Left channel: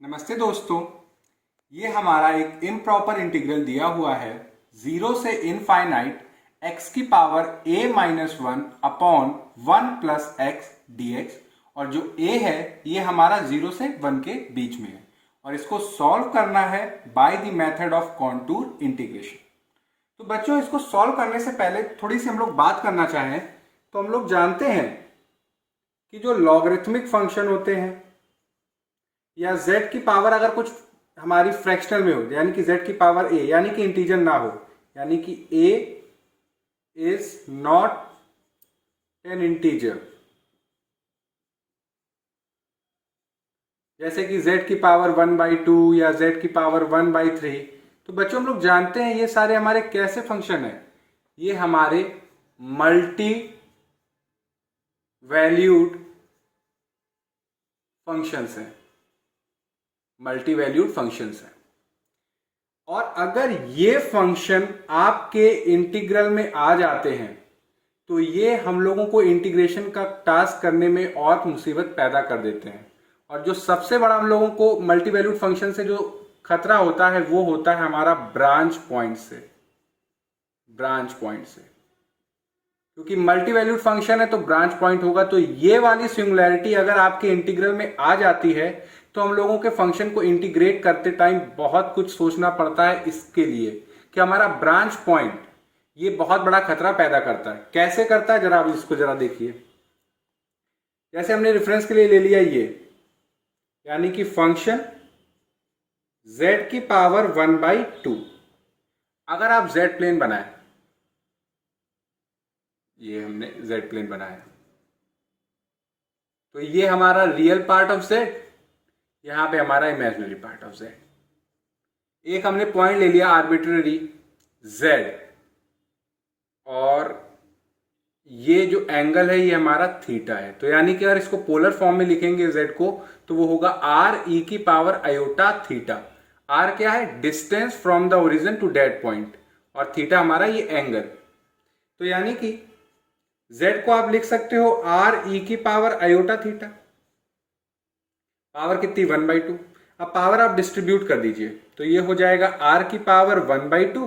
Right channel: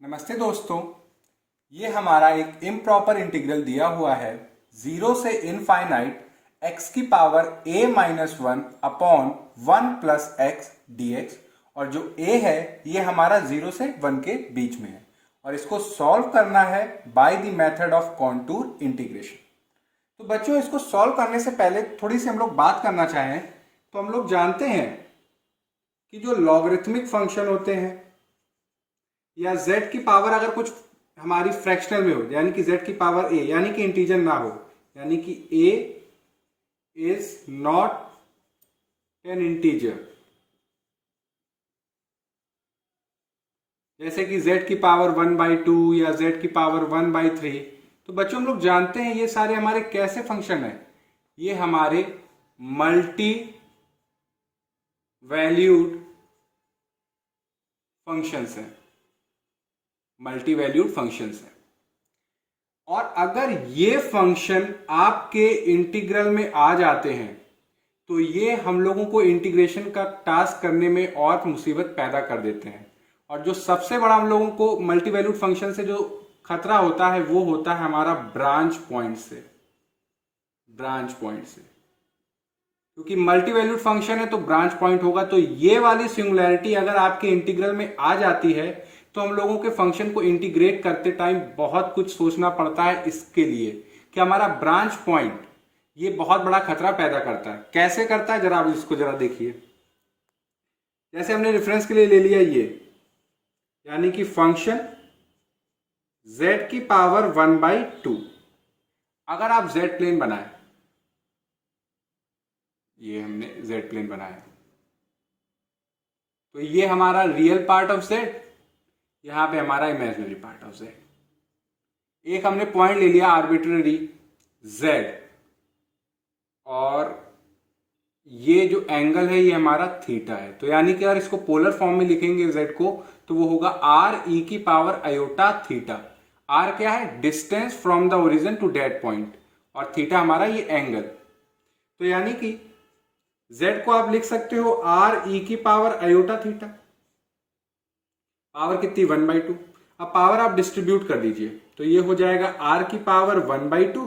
नमस्ते दोस्तों, ये हमारा एक इम्प्रॉपर इंटीग्रल दिया हुआ है 0 से इनफाइनाइट x की power a minus one upon 1 plus x D. और जो a है ये हमारा 0 से 1 के बीच में है और इसको सॉल्व करना है by the method of contour integration. तो बच्चों, इसको सॉल्व करने से पहले थोड़ी सी हम लोग बात करना चाहें तो हम लोग जानते हैं कि जो लॉगरिथमिक फंक्शन होते हैं या z की पावर अगर कुछ हमारी फ्रैक्शनल में हो, यानी कि z की पावर a यानी कि इंटीजर ना हो, यानी कि a is not an integer, जैसे कि z की पावर 1/2 या z की पावर 1/3, तो बच्चों हम लोग जानते हैं ये सारे हमारे कैसे फंक्शन है। ये हमारे मल्टी वैल्यूड फंक्शंस हैं, मल्टी वैल्यूड फंक्शंस हैं। और अगर ये फंक्शन आपके इंटीग्रल में आ जाते हैं तो ये हम लोगों को इंटीग्रेशन का टास्क करने में और मुसीबत पैदा कर देते हैं। और जो सबसे बड़ा हम लोगों को मल्टी वैल्यूड फंक्शन से जो खतरा होता है वो होता है हमारा ब्रांच पॉइंट से, क्योंकि मल्टी वैल्यूड फंक्शन है तो ब्रांच पॉइंट होगा। तो ये वाली सिंगुलैरिटी अगर आपके इंटीग्रल में आ जाती है तो हम लोगों के फंक्शन को इंटीग्रेट करते टाइम बहुत कुछ सोचना पड़ता है इसके लिए कि हमारा ब्रांच पॉइंट ये बहुत बड़ा खतरा पैदा करता है। कैसे करता है जरा आप इसको जरा देखिए। जैसे हमने रेफरेंस के लिए ले लिया ये, यानी कि फंक्शन z की पावर 1/2। अगर आप z प्लेन बनाए, ये हमने z प्लेन बनाया, तो ये हमारा रियल पार्ट ऑफ z, यहां पे हमारा इमेजिनरी पार्ट ऑफ z। एक हमने पॉइंट ले लिया आर्बिट्ररी z, और ये जो एंगल है ये हमारा थीटा है। तो यानी कि अगर इसको पोलर फॉर्म में लिखेंगे z को तो वो होगा r e की पावर आयोटा थीटा। r क्या है? Distance from the origin to that point, और थीटा हमारा ये एंगल। तो यानी कि z को आप लिख सकते हो r e की पावर आयोटा थीटा। पावर कितनी? 1/2। अब पावर आप डिस्ट्रीब्यूट कर दीजिए तो ये हो जाएगा r की पावर 1/2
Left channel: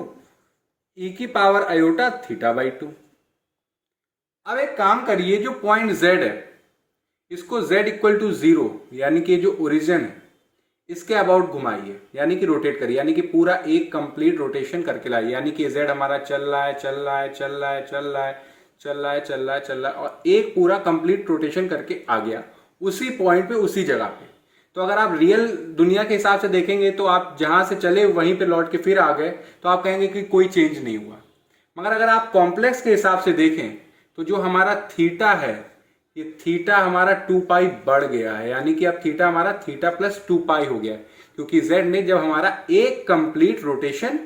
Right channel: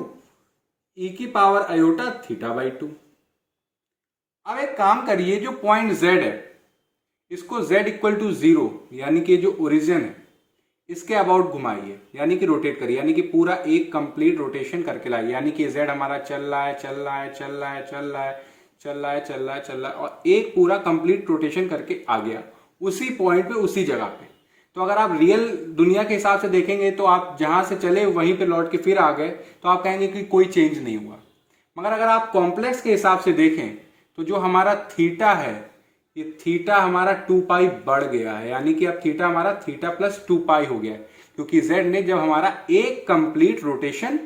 e की पावर आयोटा थीटा/2। अब एक काम करिए, जो पॉइंट z है इसको z इक्वल टू 0 यानी कि जो ओरिजिन है इसके अबाउट घुमाइए, यानी कि रोटेट करिए, यानी कि पूरा एक कंप्लीट रोटेशन करके लाइए। यानी कि z हमारा चल रहा है और एक पूरा कंप्लीट रोटेशन करके आ गया उसी पॉइंट पे, उसी जगह पे। तो अगर आप रियल दुनिया के हिसाब से देखेंगे तो आप जहां से चले वहीं पे लौट के फिर आ गए तो आप कहेंगे कि कोई चेंज नहीं हुआ। मगर अगर आप कॉम्प्लेक्स के हिसाब से देखें तो जो हमारा थीटा है ये थीटा हमारा 2π बढ़ गया है, यानी कि अब थीटा हमारा थीटा प्लस 2π हो गया है, क्योंकि z ने जब हमारा एक कंप्लीट रोटेशन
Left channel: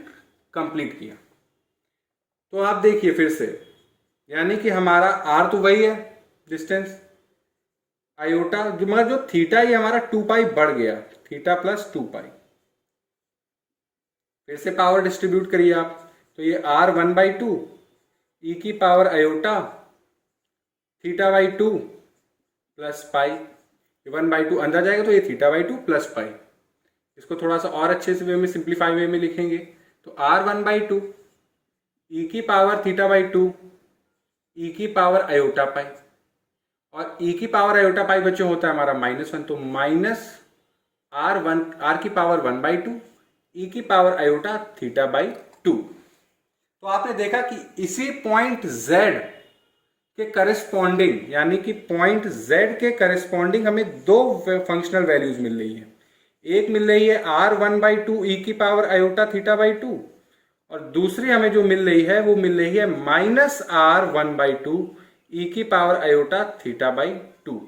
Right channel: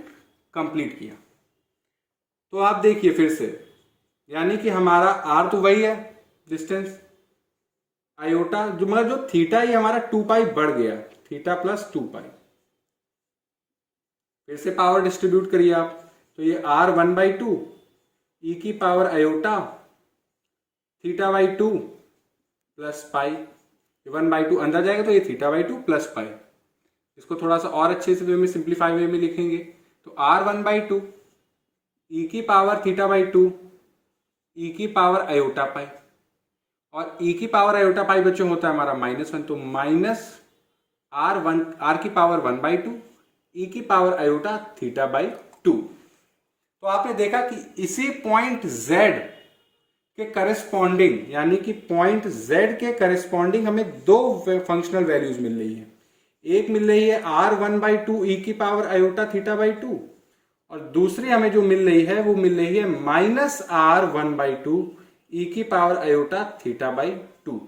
कंप्लीट किया। तो आप देखिए फिर से, यानी कि हमारा r तो वही है डिस्टेंस आयोटा, जो मतलब जो थीटा ये हमारा 2π बढ़ गया, थीटा प्लस 2π। फिर से पावर डिस्ट्रीब्यूट करिए आप, तो ये r 1/2 e की पावर आयोटा थीटा/2 प्लस पाई, 1/2 अंदर जाएगा तो ये थीटा/2 प्लस पाई। इसको थोड़ा सा और अच्छे से वे में, सिंप्लीफाई वे में लिखेंगे तो r 1/2 e की पावर थीटा/2 e की पावर आयोटा पाई, और e की पावर आयोटा पाई बच्चों होता है हमारा -1, तो माइनस r की पावर 1/2 e की पावर आयोटा थीटा/2। तो आपने देखा कि इसी पॉइंट z के करस्पॉन्डिंग, यानी कि पॉइंट z के करस्पॉन्डिंग हमें दो फंक्शनल वैल्यूज मिल रही है। एक मिल रही है r 1/2 e की पावर आयोटा थीटा/2, और दूसरी हमें जो मिल रही है वो मिल रही है -r 1/2 e की पावर आयोटा थीटा/2।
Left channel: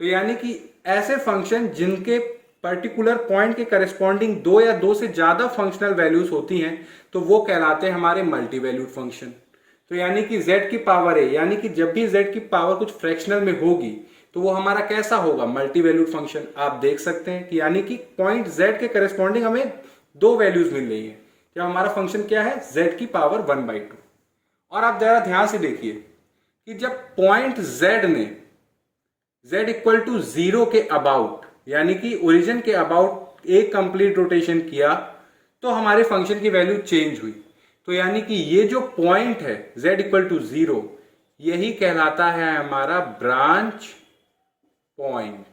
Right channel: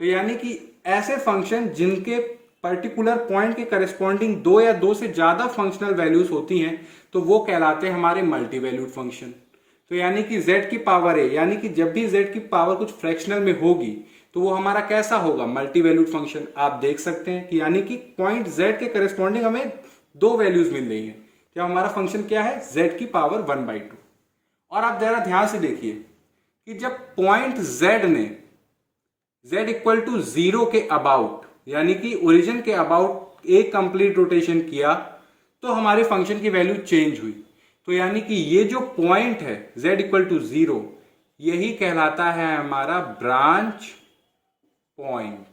तो यानी कि ऐसे फंक्शन जिनके पर्टिकुलर पॉइंट के करस्पॉन्डिंग दो या दो से ज्यादा फंक्शनल वैल्यूज होती हैं तो वो कहलाते हैं हमारे मल्टी वैल्यूड फंक्शन। तो यानी कि z की पावर है, यानी कि जब भी z की पावर कुछ फ्रैक्शनल में होगी तो वो हमारा कैसा होगा? Multi valued function. आप देख सकते हैं कि यानी कि पॉइंट z के करस्पॉन्डिंग हमें दो वैल्यूज मिल रही है जब हमारा फंक्शन क्या है? z की पावर 1/2। और आप जरा ध्यान से देखिए कि जब पॉइंट z ने z इक्वल टू 0 के अबाउट यानी कि ओरिजिन के अबाउट एक कंप्लीट रोटेशन किया तो हमारे फंक्शन की वैल्यू चेंज हुई। तो यानी कि ये जो पॉइंट है z इक्वल टू 0, यही कहलाता है हमारा ब्रांच पॉइंट।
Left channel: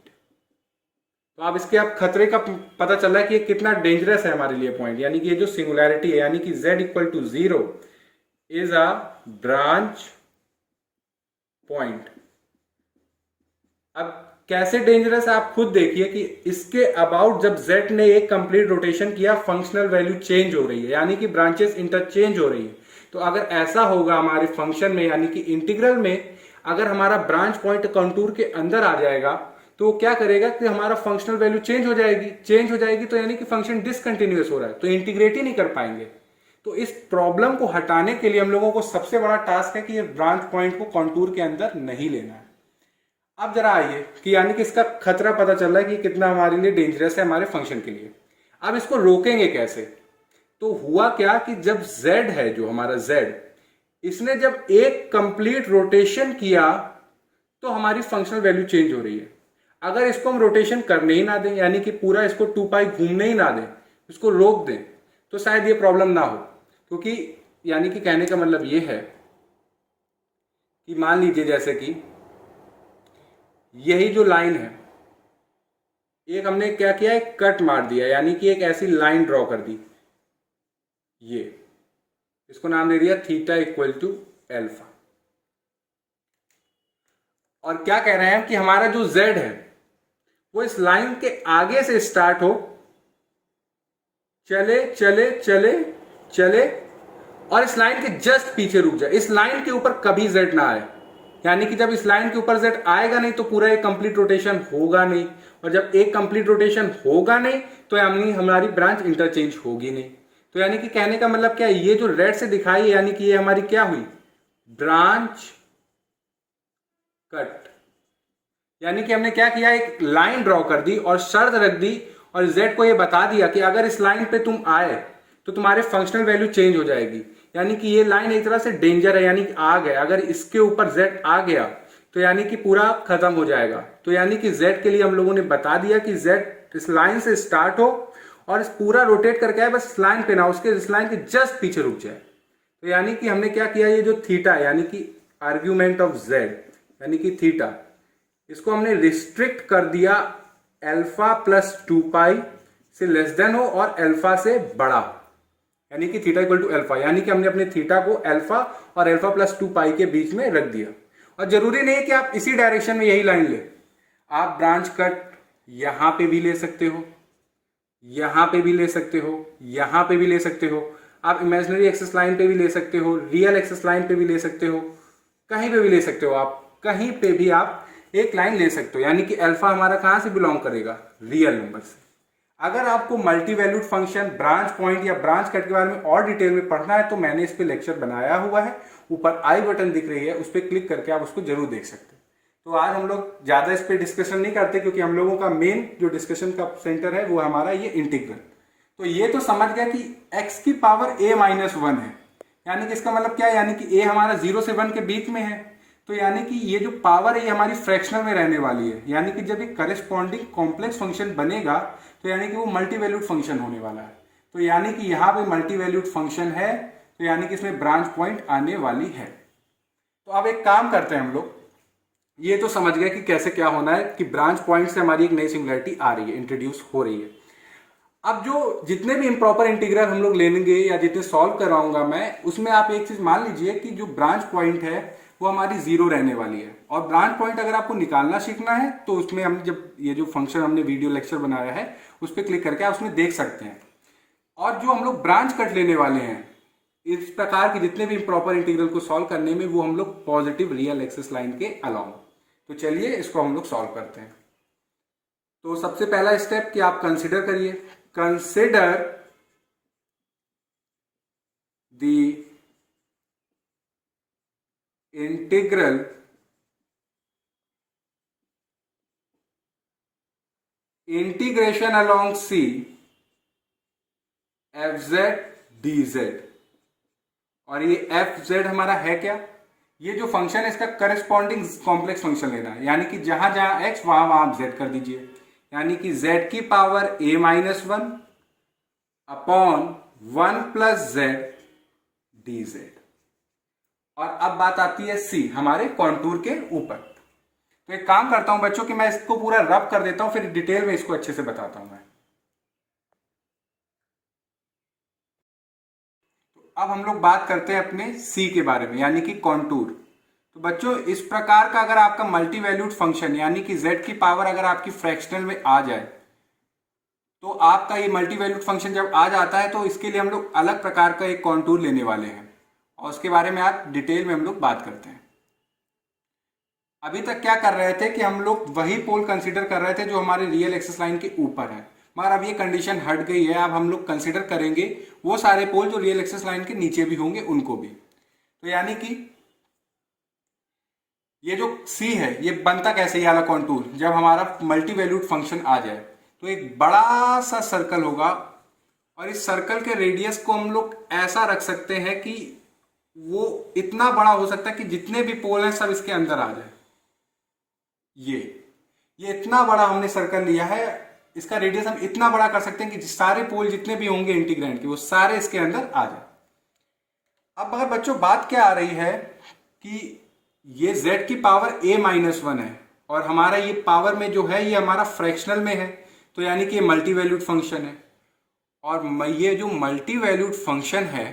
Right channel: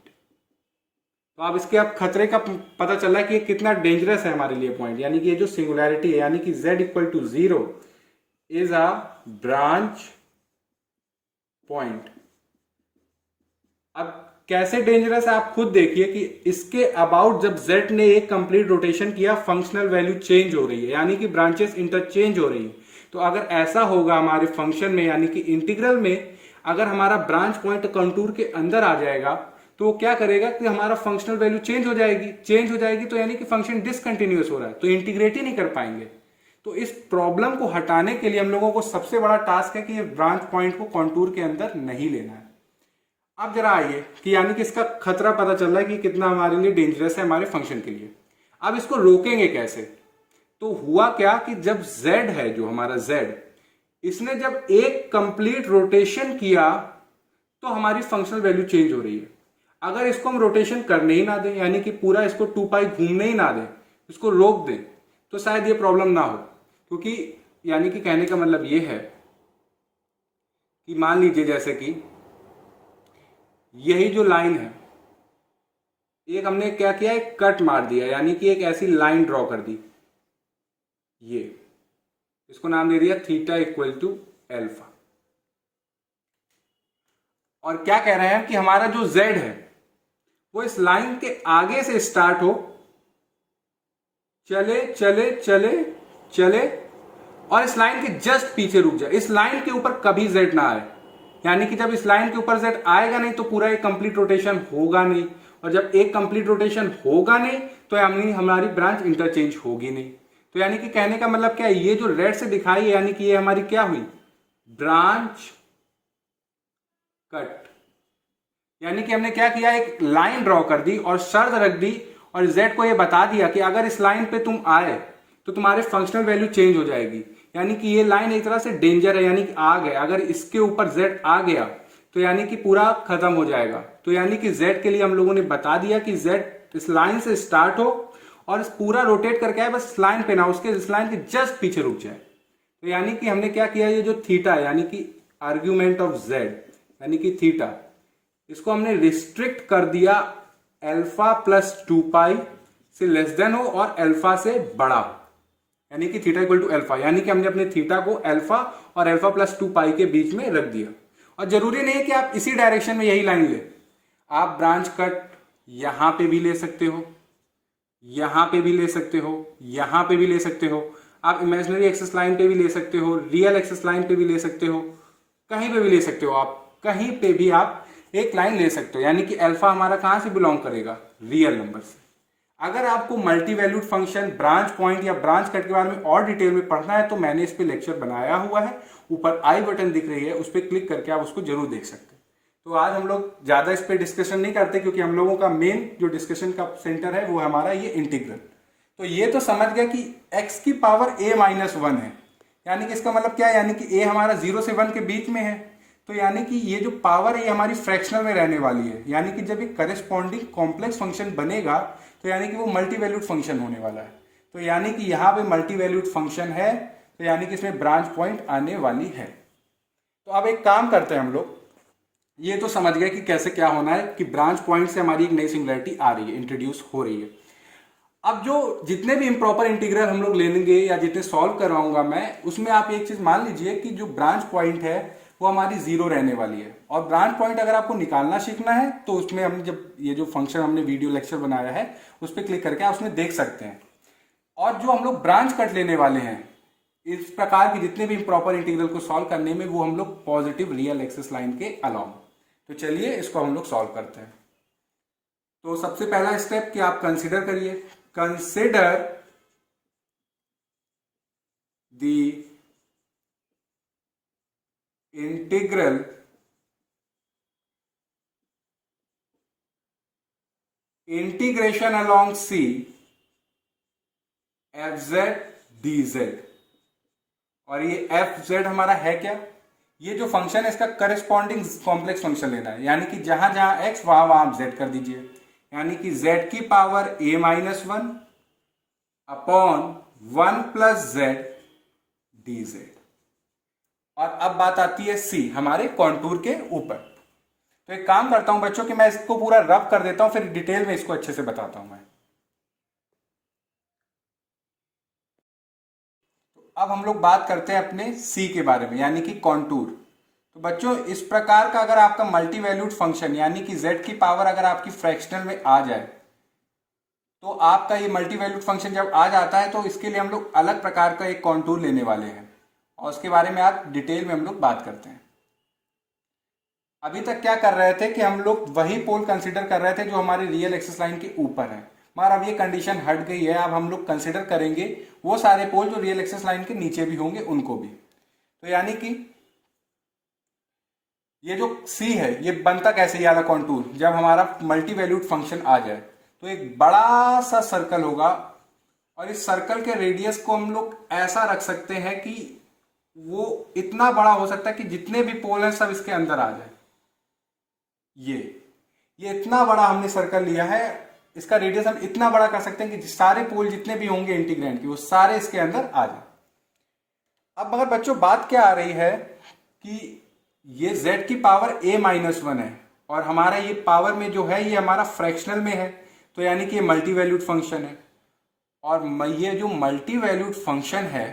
तो आप इसके अब खतरे का पता चल रहा है कि ये कितना डेंजरस है हमारे लिए पॉइंट, यानी कि ये जो सिंगुलैरिटी है, यानी कि z equal to 0 is a branch point. अब कैसे डेंजरस है आप खुद देखिए कि इसके अबाउट जब z ने एक कंप्लीट रोटेशन किया, फंक्शनल वैल्यू चेंज हो रही है, यानी कि ब्रांचेस इंटरचेंज हो रही है। तो अगर ऐसा होगा हमारे फंक्शन में, यानी कि इंटीग्रल में, अगर हमारा ब्रांच पॉइंट कंटूर के अंदर आ जाएगा तो वो क्या करेगा कि हमारा फंक्शनल वैल्यू चेंज हो जाएगी तो यानी कि फंक्शन डिसकंटिन्यूअस हो रहा है, तो इंटीग्रेट ही नहीं कर पाएंगे। तो इस प्रॉब्लम को हटाने के लिए हम लोगों को सबसे बड़ा टास्क है कि ये ब्रांच पॉइंट को कंटूर के अंदर नहीं लेना है। अब जरा आइए कि यानी कि इसका खतरा पता चल रहा है कि कितना हमारे लिए डेंजरस है हमारे फंक्शन के लिए। अब इसको रोकेंगे कैसे? तो हुआ क्या कि जब z है, जो हमारा z, इसने जब एक कंप्लीट रोटेशन किया तो हमारी फंक्शनल वैल्यू चेंज हो रही है। अगर इसको हम रोटेशन करने ही ना दें, यानी कि पूरा इसको 2 पाई घूमने ही ना दें, इसको रोक दें, तो शायद ये प्रॉब्लम ना हो। क्योंकि यानी कि कहने का मतलब ये है कि मान लीजिए जैसे कि यही जो लाइन है, एक हमने क्या किया, एक कट मार दिया, यानी कि एक ऐसी लाइन ड्रॉ कर दी, ये इसको नाम दे दिया थीटा इक्वल टू एल्फा। और क्या कह रहे हैं कि हमारा जो z है वो इस लाइन के आगे से स्टार्ट हो, चले चले चले चले और इस लाइन के जस्ट पीछे रुक जाए, इस लाइन के ऊपर कभी z ना आए। यानी कि जब इस लाइन के ऊपर z आएगा नहीं तो पूरा एक कंप्लीट रोटेशन होगा नहीं, और जब एक कंप्लीट रोटेशन होगा नहीं तो यानी हमारी ब्रांच इंटरचेंज होगी नहीं। तो यानी कि कहने का मतलब क्या है, ये जो रेड से दिखाई है यानी कि ये हमारी क्या हुई, ब्रांच कट। यानी कि हमने क्या किया, एक लाइन ड्रॉ कर दी और शर्त रख दी और z को ये बता दिया कि अगर इस लाइन पे तुम आए तो तुम्हारे फंक्शनल वैल्यू चेंज हो जाएगी। यानी कि ये लाइन एक तरह से डेंजर है, यानी कि आग है, अगर इसके ऊपर z आ गया तो यानी कि पूरा खत्म हो जाएगा। तो यानी कि z के लिए हम लोगों ने बता दिया कि z इस लाइन से स्टार्ट हो और इस पूरा रोटेट करके आए, बस लाइन पे ना, उसके इस लाइन के जस्ट पीछे रुक जाए। तो यानी कि हमने क्या किया, ये जो थीटा यानी कि आर्ग्यूमेंट ऑफ z यानी कि थीटा, इसको हमने रिस्ट्रिक्ट कर दिया अल्फा प्लस 2 पाई से लेस देन हो और अल्फा से बड़ा हो, यानी कि थीटा इक्वल टू अल्फा। यानी कि हमने अपने थीटा को अल्फा और अल्फा प्लस 2 पाई के बीच में रख दिया। और जरूरी नहीं है कि आप इसी डायरेक्शन में यही लाइन ले, आप ब्रांच कट यहां पे भी ले सकते हो, यहां पे भी ले सकते हो, यहां पे भी ले सकते हो, आप इमेजिनरी एक्सिस लाइन पे भी ले सकते हो, रियल एक्सिस लाइन पे भी ले सकते हो, कहीं पे भी ले सकते हो, आप कहीं पे भी आप एक लाइन ले सकते हो। यानी कि अल्फा हमारा कहां से बिलोंग करेगा, रियल नंबर से। अगर आपको multi valued function, branch point या ब्रांच कट के बारे में और डिटेल में पढ़ना है तो मैंने इस पे लेक्चर बनाया हुआ है, ऊपर आई बटन दिख रही है, उस पर क्लिक करके आप उसको जरूर देख सकते हैं। तो आज हम लोग ज्यादा इस पे डिस्कशन नहीं करते क्योंकि हम लोगों का मेन जो डिस्कशन का सेंटर है वो हमारा ये इंटीग्रल। तो ये तो समझ गया कि x की पावर a माइनस 1 है, यानी कि इसका मतलब क्या है, यानी कि a हमारा 0 से 1 के बीच में है, तो यानी कि ये जो पावर है ये हमारी फ्रैक्शनल में रहने वाली है। यानी कि जब ये करस्पॉन्डिंग कॉम्प्लेक्स फंक्शन बनेगा तो यानी कि वो मल्टी वैल्यूड फंक्शन होने वाला है। तो यानी कि यहाँ पे मल्टी वैल्यूड फंक्शन है, तो यानी कि इसमें ब्रांच पॉइंट आने वाली है। तो अब एक काम करते हैं हम लोग, ये तो समझ गए कि कैसे क्या होना है कि ब्रांच पॉइंट से हमारी एक नई सिंगुलैरिटी आ रही है, इंट्रोड्यूस हो रही है। अब जो जितने भी इम्प्रॉपर इंटीग्रल हम लोग लेंगे या जितने सॉल्व करवाऊंगा मैं, उसमें आप एक चीज मान लीजिए कि जो ब्रांच पॉइंट है वो हमारी 0 रहने वाली है। और ब्रांच पॉइंट अगर आपको निकालना सीखना है तो उसमें हम जब ये जो फंक्शन हमने वीडियो लेक्चर बनाया है उस पर क्लिक करके आप उसमें देख सकते हैं। और जो हम लोग ब्रांच कट लेने वाले हैं इस प्रकार के जितने भी इम्प्रॉपर इंटीग्रल को सॉल्व करने में, वो हम लोग पॉजिटिव रियल एक्सिस लाइन के अलाउंग। तो चलिए इसको हम लोग सॉल्व करते हैं। तो सबसे पहला स्टेप कि आप कंसिडर करिए, consider the integral integration along C fz dz। और ये fz हमारा है क्या, ये जो फंक्शन है इसका करस्पॉन्डिंग कॉम्प्लेक्स फंक्शन लेना है, यानी कि जहां जहां x वहां वहां z कर दीजिए। यानी कि z की power a minus 1 upon 1 plus Z dz। और अब बात आती है c, हमारे कॉन्टूर के ऊपर। तो एक काम करता हूं बच्चों कि मैं इसको पूरा रब कर देता हूं, फिर डिटेल में इसको अच्छे से बताता हूं मैं। तो अब हम लोग बात करते हैं अपने c के बारे में, यानी कि कॉन्टूर। तो बच्चों इस प्रकार का अगर आपका मल्टी वैल्यूड फंक्शन यानी कि z की पावर अगर आपकी फ्रैक्शनल में आ जाए, तो आपका ये मल्टी वैल्यूड फंक्शन जब आ जाता है तो इसके लिए हम लोग अलग प्रकार का एक कॉन्टूर लेने वाले हैं, और उसके बारे में आप डिटेल में हम लोग बात करते हैं। अभी तक क्या कर रहे थे कि हम लोग वही पोल कंसीडर कर रहे थे जो हमारे रियल एक्सिस लाइन के ऊपर है, मगर अब ये कंडीशन हट गई है। अब हम लोग कंसीडर करेंगे वो सारे पोल जो रियल एक्सिस लाइन के नीचे भी होंगे उनको भी। तो यानी कि ये जो C है ये बनता कैसे, ये वाला कॉन्टूर, जब हमारा मल्टी वैल्यूड फंक्शन आ जाए तो एक बड़ा सा सर्कल होगा, और इस सर्कल के रेडियस को हम लोग ऐसा रख सकते हैं कि वो इतना बड़ा हो सकता है कि जितने भी पोल हैं सब इसके अंदर आ जाए। ये इतना बड़ा हमने सर्कल लिया है, इसका रेडियस हम इतना बड़ा कर सकते हैं कि सारे पोल जितने भी होंगे इंटीग्रेंड के वो सारे इसके अंदर आ जाए। अब मगर बच्चों बात क्या आ रही है कि ये z की पावर a माइनस 1 है, और हमारा ये पावर में जो है ये हमारा फ्रैक्शनल में है, तो यानी कि ये मल्टी वैल्यूड फंक्शन है। और ये जो मल्टी वैल्यूड फंक्शन है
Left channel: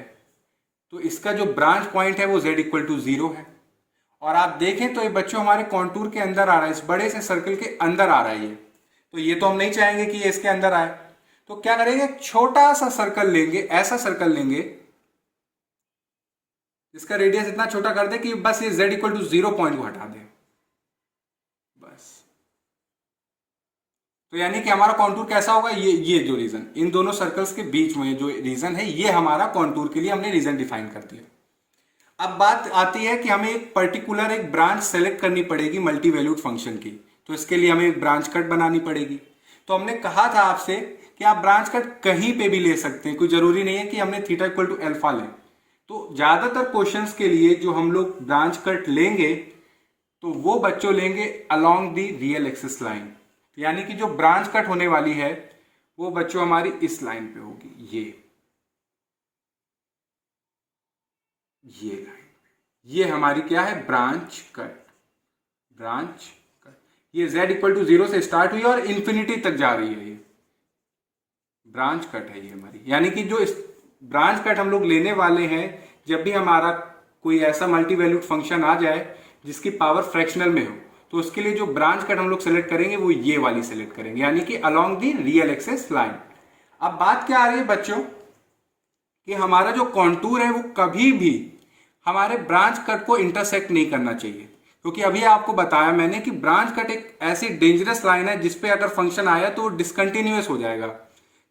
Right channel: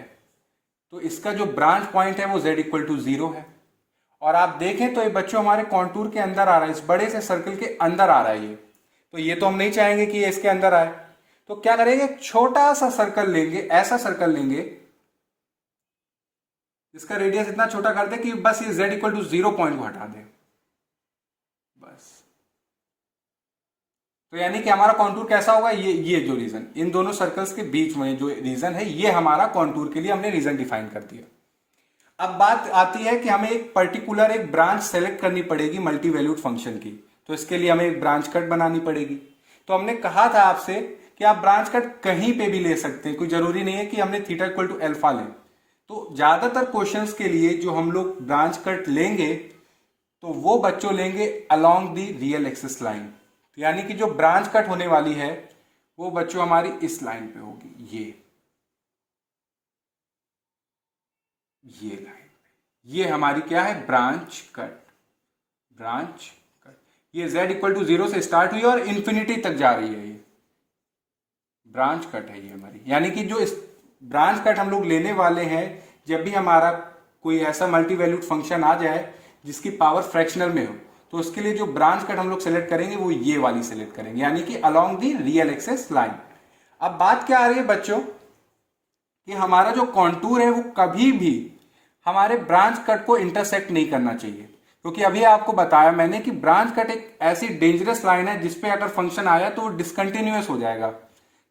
तो इसका जो ब्रांच पॉइंट है वो z इक्वल टू 0 है। और आप देखें तो ये बच्चों हमारे कॉन्टूर के अंदर आ रहा है, इस बड़े से सर्कल के अंदर आ रहा है ये, तो ये तो हम नहीं चाहेंगे कि ये इसके अंदर आए। तो क्या करेंगे, एक छोटा सा सर्कल लेंगे, ऐसा सर्कल लेंगे इसका रेडियस इतना छोटा कर दे कि बस ये z इक्वल टू 0 पॉइंट को हटा दे बस। तो यानी कि हमारा कॉन्टूर कैसा होगा, ये जो रीजन इन दोनों सर्कल्स के बीच में जो रीजन है ये हमारा कॉन्टूर के लिए हमने रीजन डिफाइन कर दिया। अब बात आती है कि हमें एक पर्टिकुलर एक ब्रांच सेलेक्ट करनी पड़ेगी मल्टी वैल्यूड फंक्शन की, तो इसके लिए हमें एक ब्रांच कट बनानी पड़ेगी। तो हमने कहा था आपसे कि आप ब्रांच कट कहीं पे भी ले सकते हैं, कोई जरूरी नहीं है कि हमने थीटा इक्वल टू अल्फा लें। तो ज्यादातर क्वेश्चंस के लिए जो हम लोग ब्रांच कट लेंगे तो वो बच्चों लेंगे along the real axis line, यानी कि जो ब्रांच कट होने वाली है वो बच्चों हमारी इस लाइन पे होगी, ये लाइन, ये हमारी क्या है, ब्रांच कट। ये z इक्वल टू 0 से स्टार्ट हुई और इंफिनिटी तक जा रही है, ये ब्रांच कट है ये हमारी। यानी कि जो इस ब्रांच कट हम लोग लेने वाले हैं जब भी हमारा कोई ऐसा मल्टी वैल्यूड फंक्शन आ जाए जिसकी पावर फ्रैक्शनल में हो, तो उसके लिए जो ब्रांच कट हम लोग सेलेक्ट करेंगे वो ये वाली सेलेक्ट करेंगे, यानी कि along the real axis line. अब बात क्या आ रही है बच्चों कि हमारा जो कॉन्टूर है वो कभी भी हमारे ब्रांच कट को इंटरसेक्ट नहीं करना चाहिए, क्योंकि अभी आपको बताया मैंने कि ब्रांच कट एक ऐसी डेंजरस लाइन है जिसपे अगर फंक्शन आया तो डिसकंटिन्यूअस हो जाएगा।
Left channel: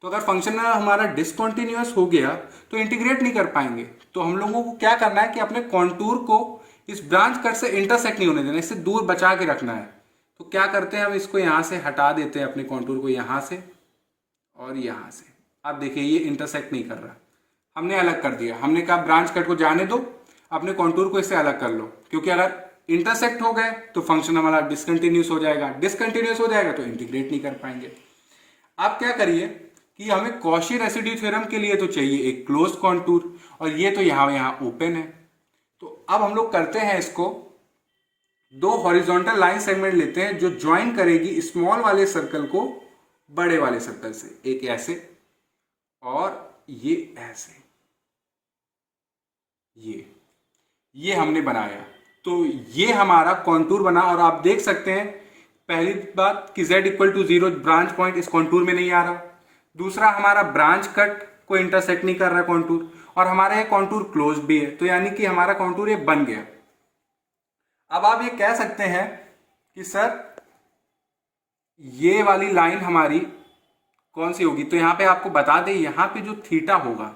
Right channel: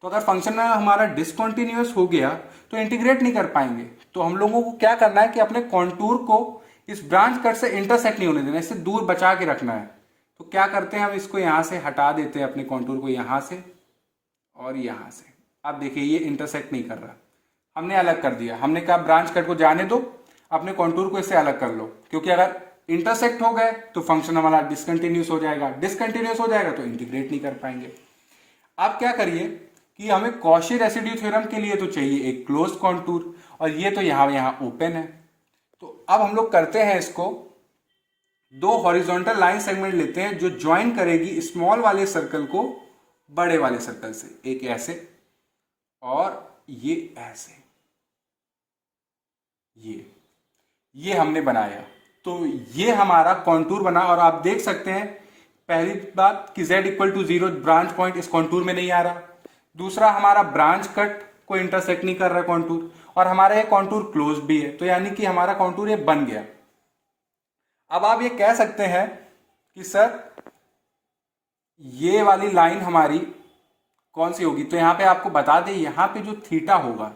तो अगर फंक्शन हमारा डिसकंटिन्यूअस हो गया तो इंटीग्रेट नहीं कर पाएंगे। तो हम लोगों को क्या करना है कि अपने कॉन्टूर को इस ब्रांच कट से इंटरसेक्ट नहीं होने देना, इससे दूर बचा के रखना है। तो क्या करते हैं, हम इसको यहाँ से हटा देते हैं, अपने कॉन्टूर को यहाँ से और यहाँ से। आप देखिए ये इंटरसेक्ट नहीं कर रहा, हमने अलग कर दिया। हमने कहा ब्रांच कट को जाने दो, अपने कॉन्टूर को इससे अलग कर लो, क्योंकि अगर इंटरसेक्ट हो गए तो फंक्शन हमारा डिसकंटिन्यूस हो जाएगा, डिसकंटिन्यूस हो जाएगा तो इंटीग्रेट नहीं कर पाएंगे। आप क्या करिए कि हमें कॉशी रेसिड्यू थ्योरम के लिए तो चाहिए एक क्लोज कॉन्टूर, और ये तो यहाँ ओपन है। तो अब हम लोग करते हैं इसको, दो हॉरिजॉन्टल लाइन सेगमेंट लेते हैं जो ज्वाइन करेगी स्मॉल वाले सर्कल को बड़े वाले सर्कल से, एक ऐसे और ये ऐसे, ये हमने बनाया। तो ये हमारा कॉन्टूर बना, और आप देख सकते हैं पहली बात कि z equal to 0 branch point इस कॉन्टूर में नहीं आ रहा, दूसरा हमारा ब्रांच कट को इंटरसेक्ट नहीं कर रहा कॉन्टूर, और हमारा ये कॉन्टूर क्लोज भी है, तो यानी कि हमारा कॉन्टूर ये बन गया। अब आप ये कह सकते हैं कि सर ये वाली लाइन हमारी कौन सी होगी, तो यहां पे आपको बता दें यहाँ पे जो थीटा होगा,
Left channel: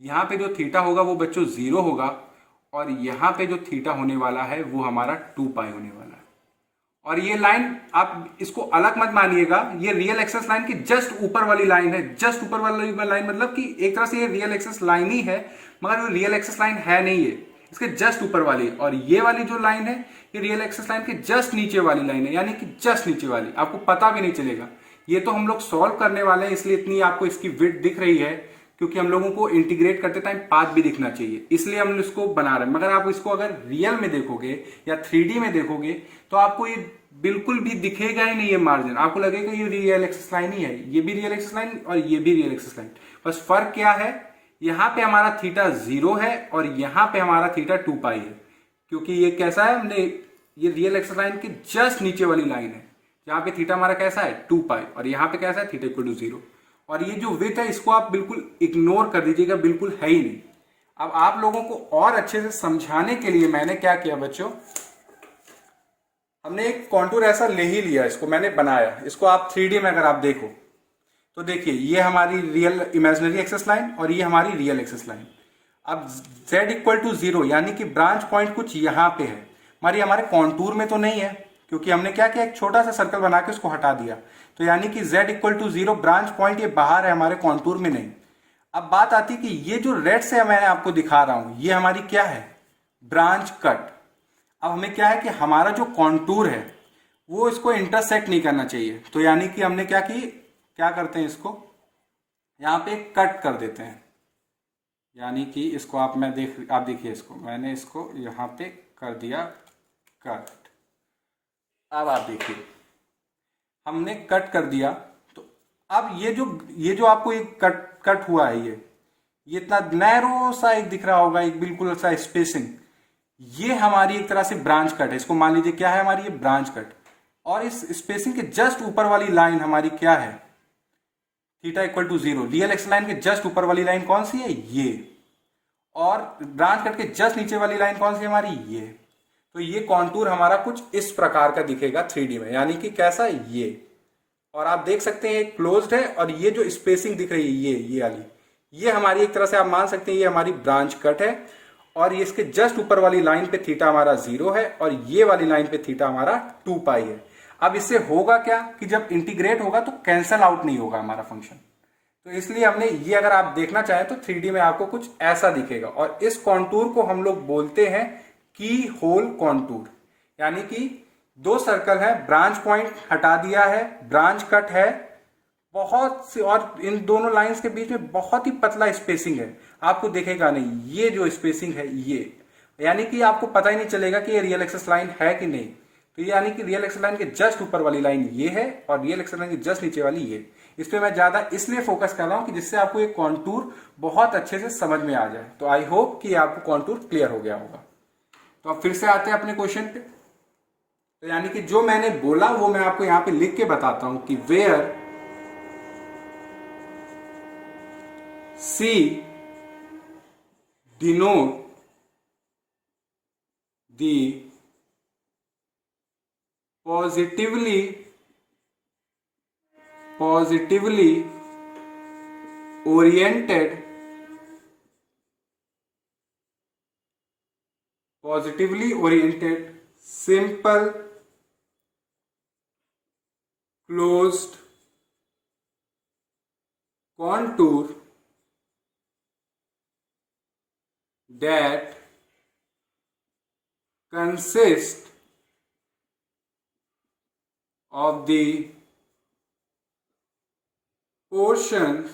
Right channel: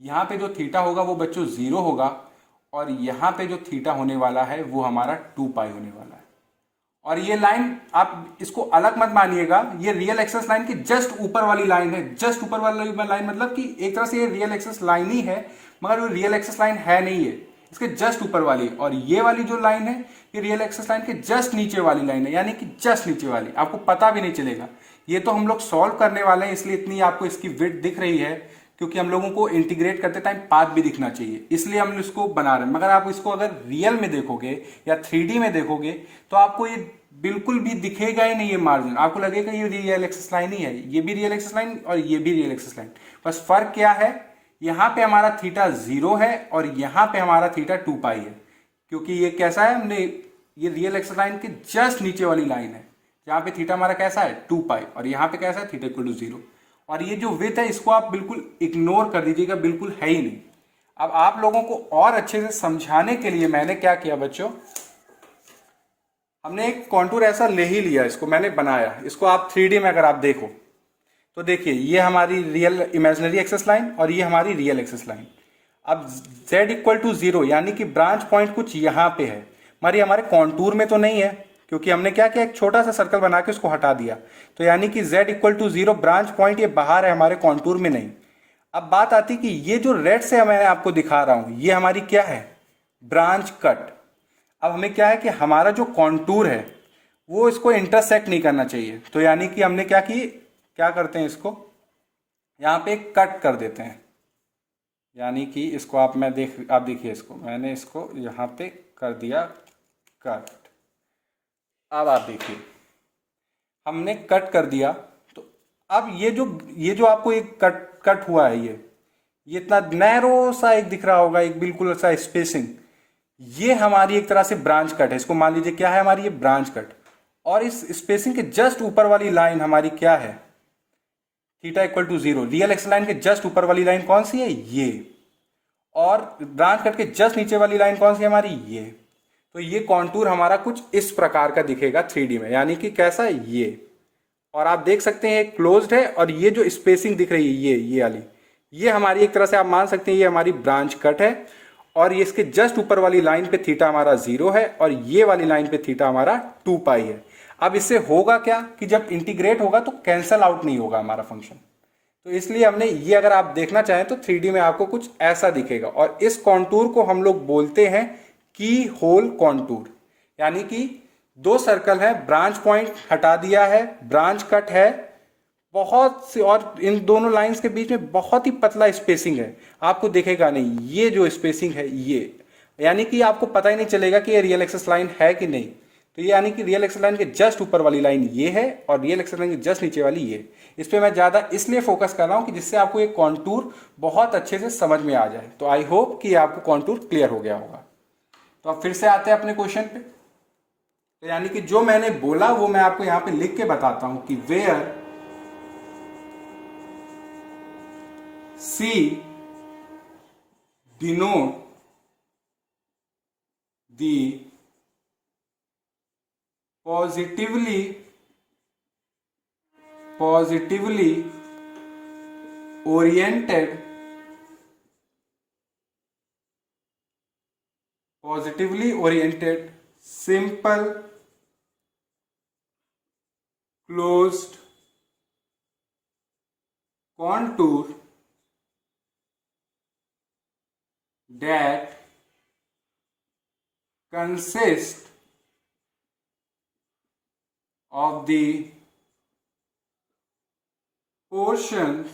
यहाँ पे जो थीटा होगा वो बच्चों 0 होगा, और यहाँ पे जो थीटा होने वाला है वो हमारा 2 पाई होने वाला है। और ये लाइन आप इसको अलग मत मानिएगा, ये रियल एक्सिस लाइन की जस्ट ऊपर वाली लाइन है। जस्ट ऊपर वाली लाइन मतलब कि एक तरह से ये रियल एक्सिस लाइन ही है, मगर वो रियल एक्सिस लाइन है नहीं है, इसके जस्ट ऊपर वाली। और ये वाली जो लाइन है ये रियल एक्सिस लाइन के जस्ट नीचे वाली लाइन है, यानी कि जस्ट नीचे वाली, आपको पता भी नहीं चलेगा। ये तो हम लोग सॉल्व करने वाले हैं, इसलिए इतनी आपको इसकी विड्थ दिख रही है, क्योंकि हम लोगों को इंटीग्रेट करते टाइम पाथ भी दिखना चाहिए, इसलिए हम इसको बना रहे हैं। मगर आप इसको अगर रियल में देखोगे या 3D में देखोगे तो आपको ये बिल्कुल भी दिखेगा ही नहीं, ये मार्जिन आपको लगेगा ये रियल एक्सिस लाइन ही है, ये भी रियल एक्सिस लाइन और ये भी रियल एक्सिस लाइन। बस फर्क क्या है, यहाँ पे हमारा थीटा 0 है और यहाँ पे हमारा थीटा 2 पाई है, क्योंकि ये कैसा है, हमने ये रियल एक्सिस लाइन के जस्ट नीचे वाली लाइन है, जहाँ पे थीटा हमारा कैसा है 2 पाई, और यहाँ पे कैसा है थीटा इक्वल टू 0। और ये जो विथ है इसको आप बिल्कुल इग्नोर कर दीजिएगा, बिल्कुल है ही नहीं। अब आप लोगों को और अच्छे से समझाने के लिए मैंने क्या किया बच्चों, हमने एक कॉन्टूर ऐसा ले ही लिया, इसको मैंने बनाया। इसको आप 3D में अगर आप देखो तो देखिए ये हमारी रियल इमेजिनरी एक्सिस लाइन और ये हमारी रियल एक्सिस लाइन। अब z इक्वल टू 0 यानी कि ब्रांच पॉइंट कुछ यहाँ पे है, हमारे कॉन्टूर में तो नहीं है, क्योंकि हमने क्या किया, एक छोटा सा सर्कल बना के उसको हटा दिया। तो यानी कि z equal to 0 branch point ये बाहर है, हमारे कॉन्टूर में नहीं। अब बात आती कि ये जो रेड से मैं आपको दिखा रहा हूं ये हमारी क्या है, ब्रांच कट। अब हमें क्या है कि हमारा जो कॉन्टूर है वो इसको इंटरसेक्ट नहीं करना चाहिए, तो यानी कि हमने क्या करते हैं, इसको यहाँ पे कट कर देते हैं। यानी कि इसको आप देखिए, इसको मैंने इसको यहाँ पे कर दिया कट। अब आप देखिए हमने कट कर दिया, तो अब ये जो आपको एक कट हुआ है, ये इतना नैरो सा एक दिख रहा होगा, एक बिल्कुल सा स्पेसिंग, ये हमारी एक तरह से ब्रांच कट है। इसको मान लीजिए क्या है हमारी, ये ब्रांच कट। और इस स्पेसिंग के जस्ट ऊपर वाली लाइन हमारी क्या है, theta equal to 0। Real axis line के जस्ट ऊपर वाली लाइन कौन सी है, ये। और ब्रांच कट के जस्ट नीचे वाली लाइन कौन सी है हमारी, ये। तो ये कॉन्टूर हमारा कुछ इस प्रकार का दिखेगा 3D में, यानी कि कैसा, ये। और आप देख सकते हैं क्लोज्ड है, और ये जो स्पेसिंग दिख रही है ये वाली, ये हमारी एक तरह से आप मान सकते हैं ये हमारी ब्रांच कट है। और ये इसके जस्ट ऊपर वाली लाइन पे थीटा हमारा 0 है, और ये वाली लाइन पे थीटा हमारा 2 पाई है। अब इससे होगा क्या कि जब इंटीग्रेट होगा तो कैंसल आउट नहीं होगा हमारा फंक्शन, तो इसलिए हमने ये, अगर आप देखना चाहें तो 3D में आपको कुछ ऐसा दिखेगा। और इस कॉन्टूर को हम लोग बोलते हैं की होल कॉन्टूर, यानी कि दो सर्कल है, ब्रांच पॉइंट हटा दिया है, ब्रांच कट है बहुत सी, और इन दोनों लाइंस के बीच में बहुत ही पतला स्पेसिंग है, आपको दिखेगा नहीं ये जो स्पेसिंग है ये, यानी कि आपको पता ही नहीं चलेगा कि ये रियल एक्सिस लाइन है कि नहीं। तो ये यानी कि रियल एक्सिस लाइन के जस्ट ऊपर वाली लाइन ये है, और रियल एक्सिस लाइन के जस्ट नीचे वाली ये। इस पर मैं ज़्यादा इसलिए फोकस कर रहा हूँ कि जिससे आपको ये कॉन्टूर बहुत अच्छे से समझ में आ जाए। तो आई होप कि आपको कॉन्टूर क्लियर हो गया होगा। तो अब फिर से आते हैं अपने क्वेश्चन पे। तो यानी कि जो मैंने बोला वो मैं आपको यहाँ पे लिख के बताता हूँ कि where C denote the positively oriented simple closed contour that consists of the portions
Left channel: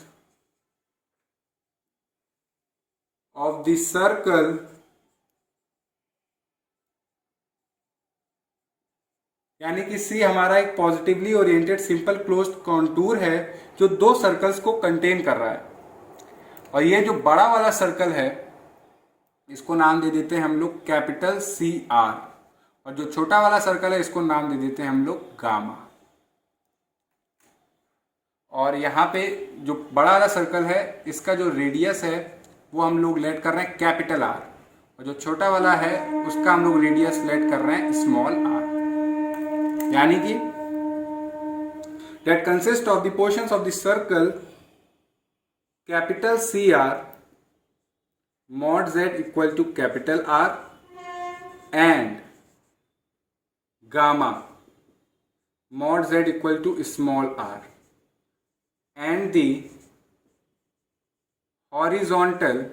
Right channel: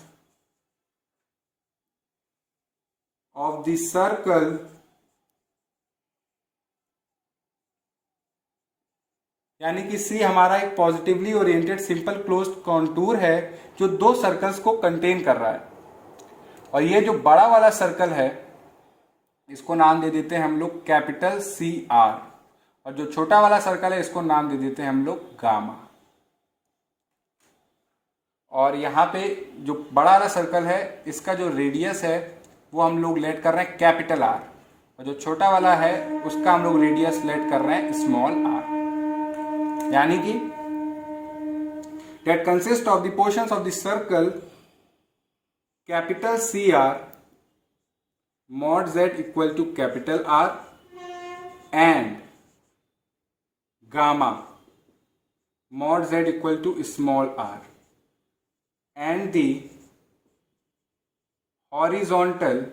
of the circle यानी कि सी हमारा एक positively oriented simple closed contour है जो दो सर्कल्स को कंटेन कर रहा है। और ये जो बड़ा वाला सर्कल है इसको नाम दे देते हैं हम लोग कैपिटल CR, और जो छोटा वाला सर्कल है इसको नाम दे देते हैं हम लोग गामा। और यहाँ पे जो बड़ा वाला सर्कल है इसका जो रेडियस है वो हम लोग लेट कर रहे हैं कैपिटल R, और जो छोटा वाला है उसका हम लोग रेडियस लेट कर रहे हैं स्मॉल r। यानी कि that consists of the portions of the circle capital CR mod z equal to capital R and gamma mod z equal to small r, and the horizontal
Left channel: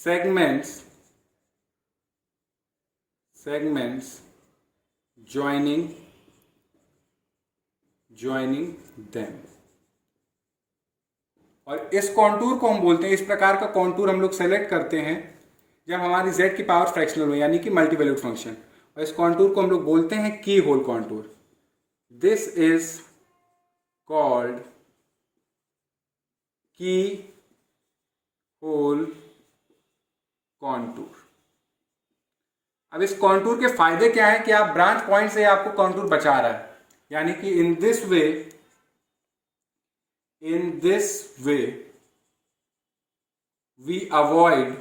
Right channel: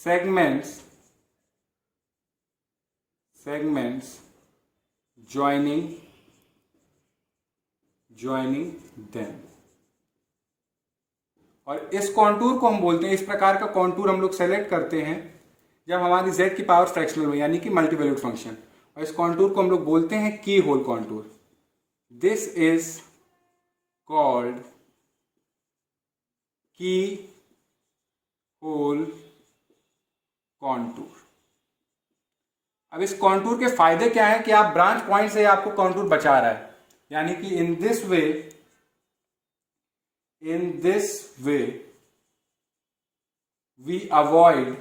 segments joining them। और इस contour को हम बोलते हैं, इस प्रकार का contour हम लोग सेलेक्ट करते हैं जब हमारी z की पावर फ्रैक्शनल हो, यानी कि मल्टीवैल्यूड फंक्शन। और इस कॉन्टूर को हम लोग बोलते हैं keyhole contour. This is called keyhole contour. अब इस कॉन्टूर के फायदे क्या हैं कि आप ब्रांच पॉइंट से आपको कॉन्टूर बचा रहा है, यानी कि in this way we avoid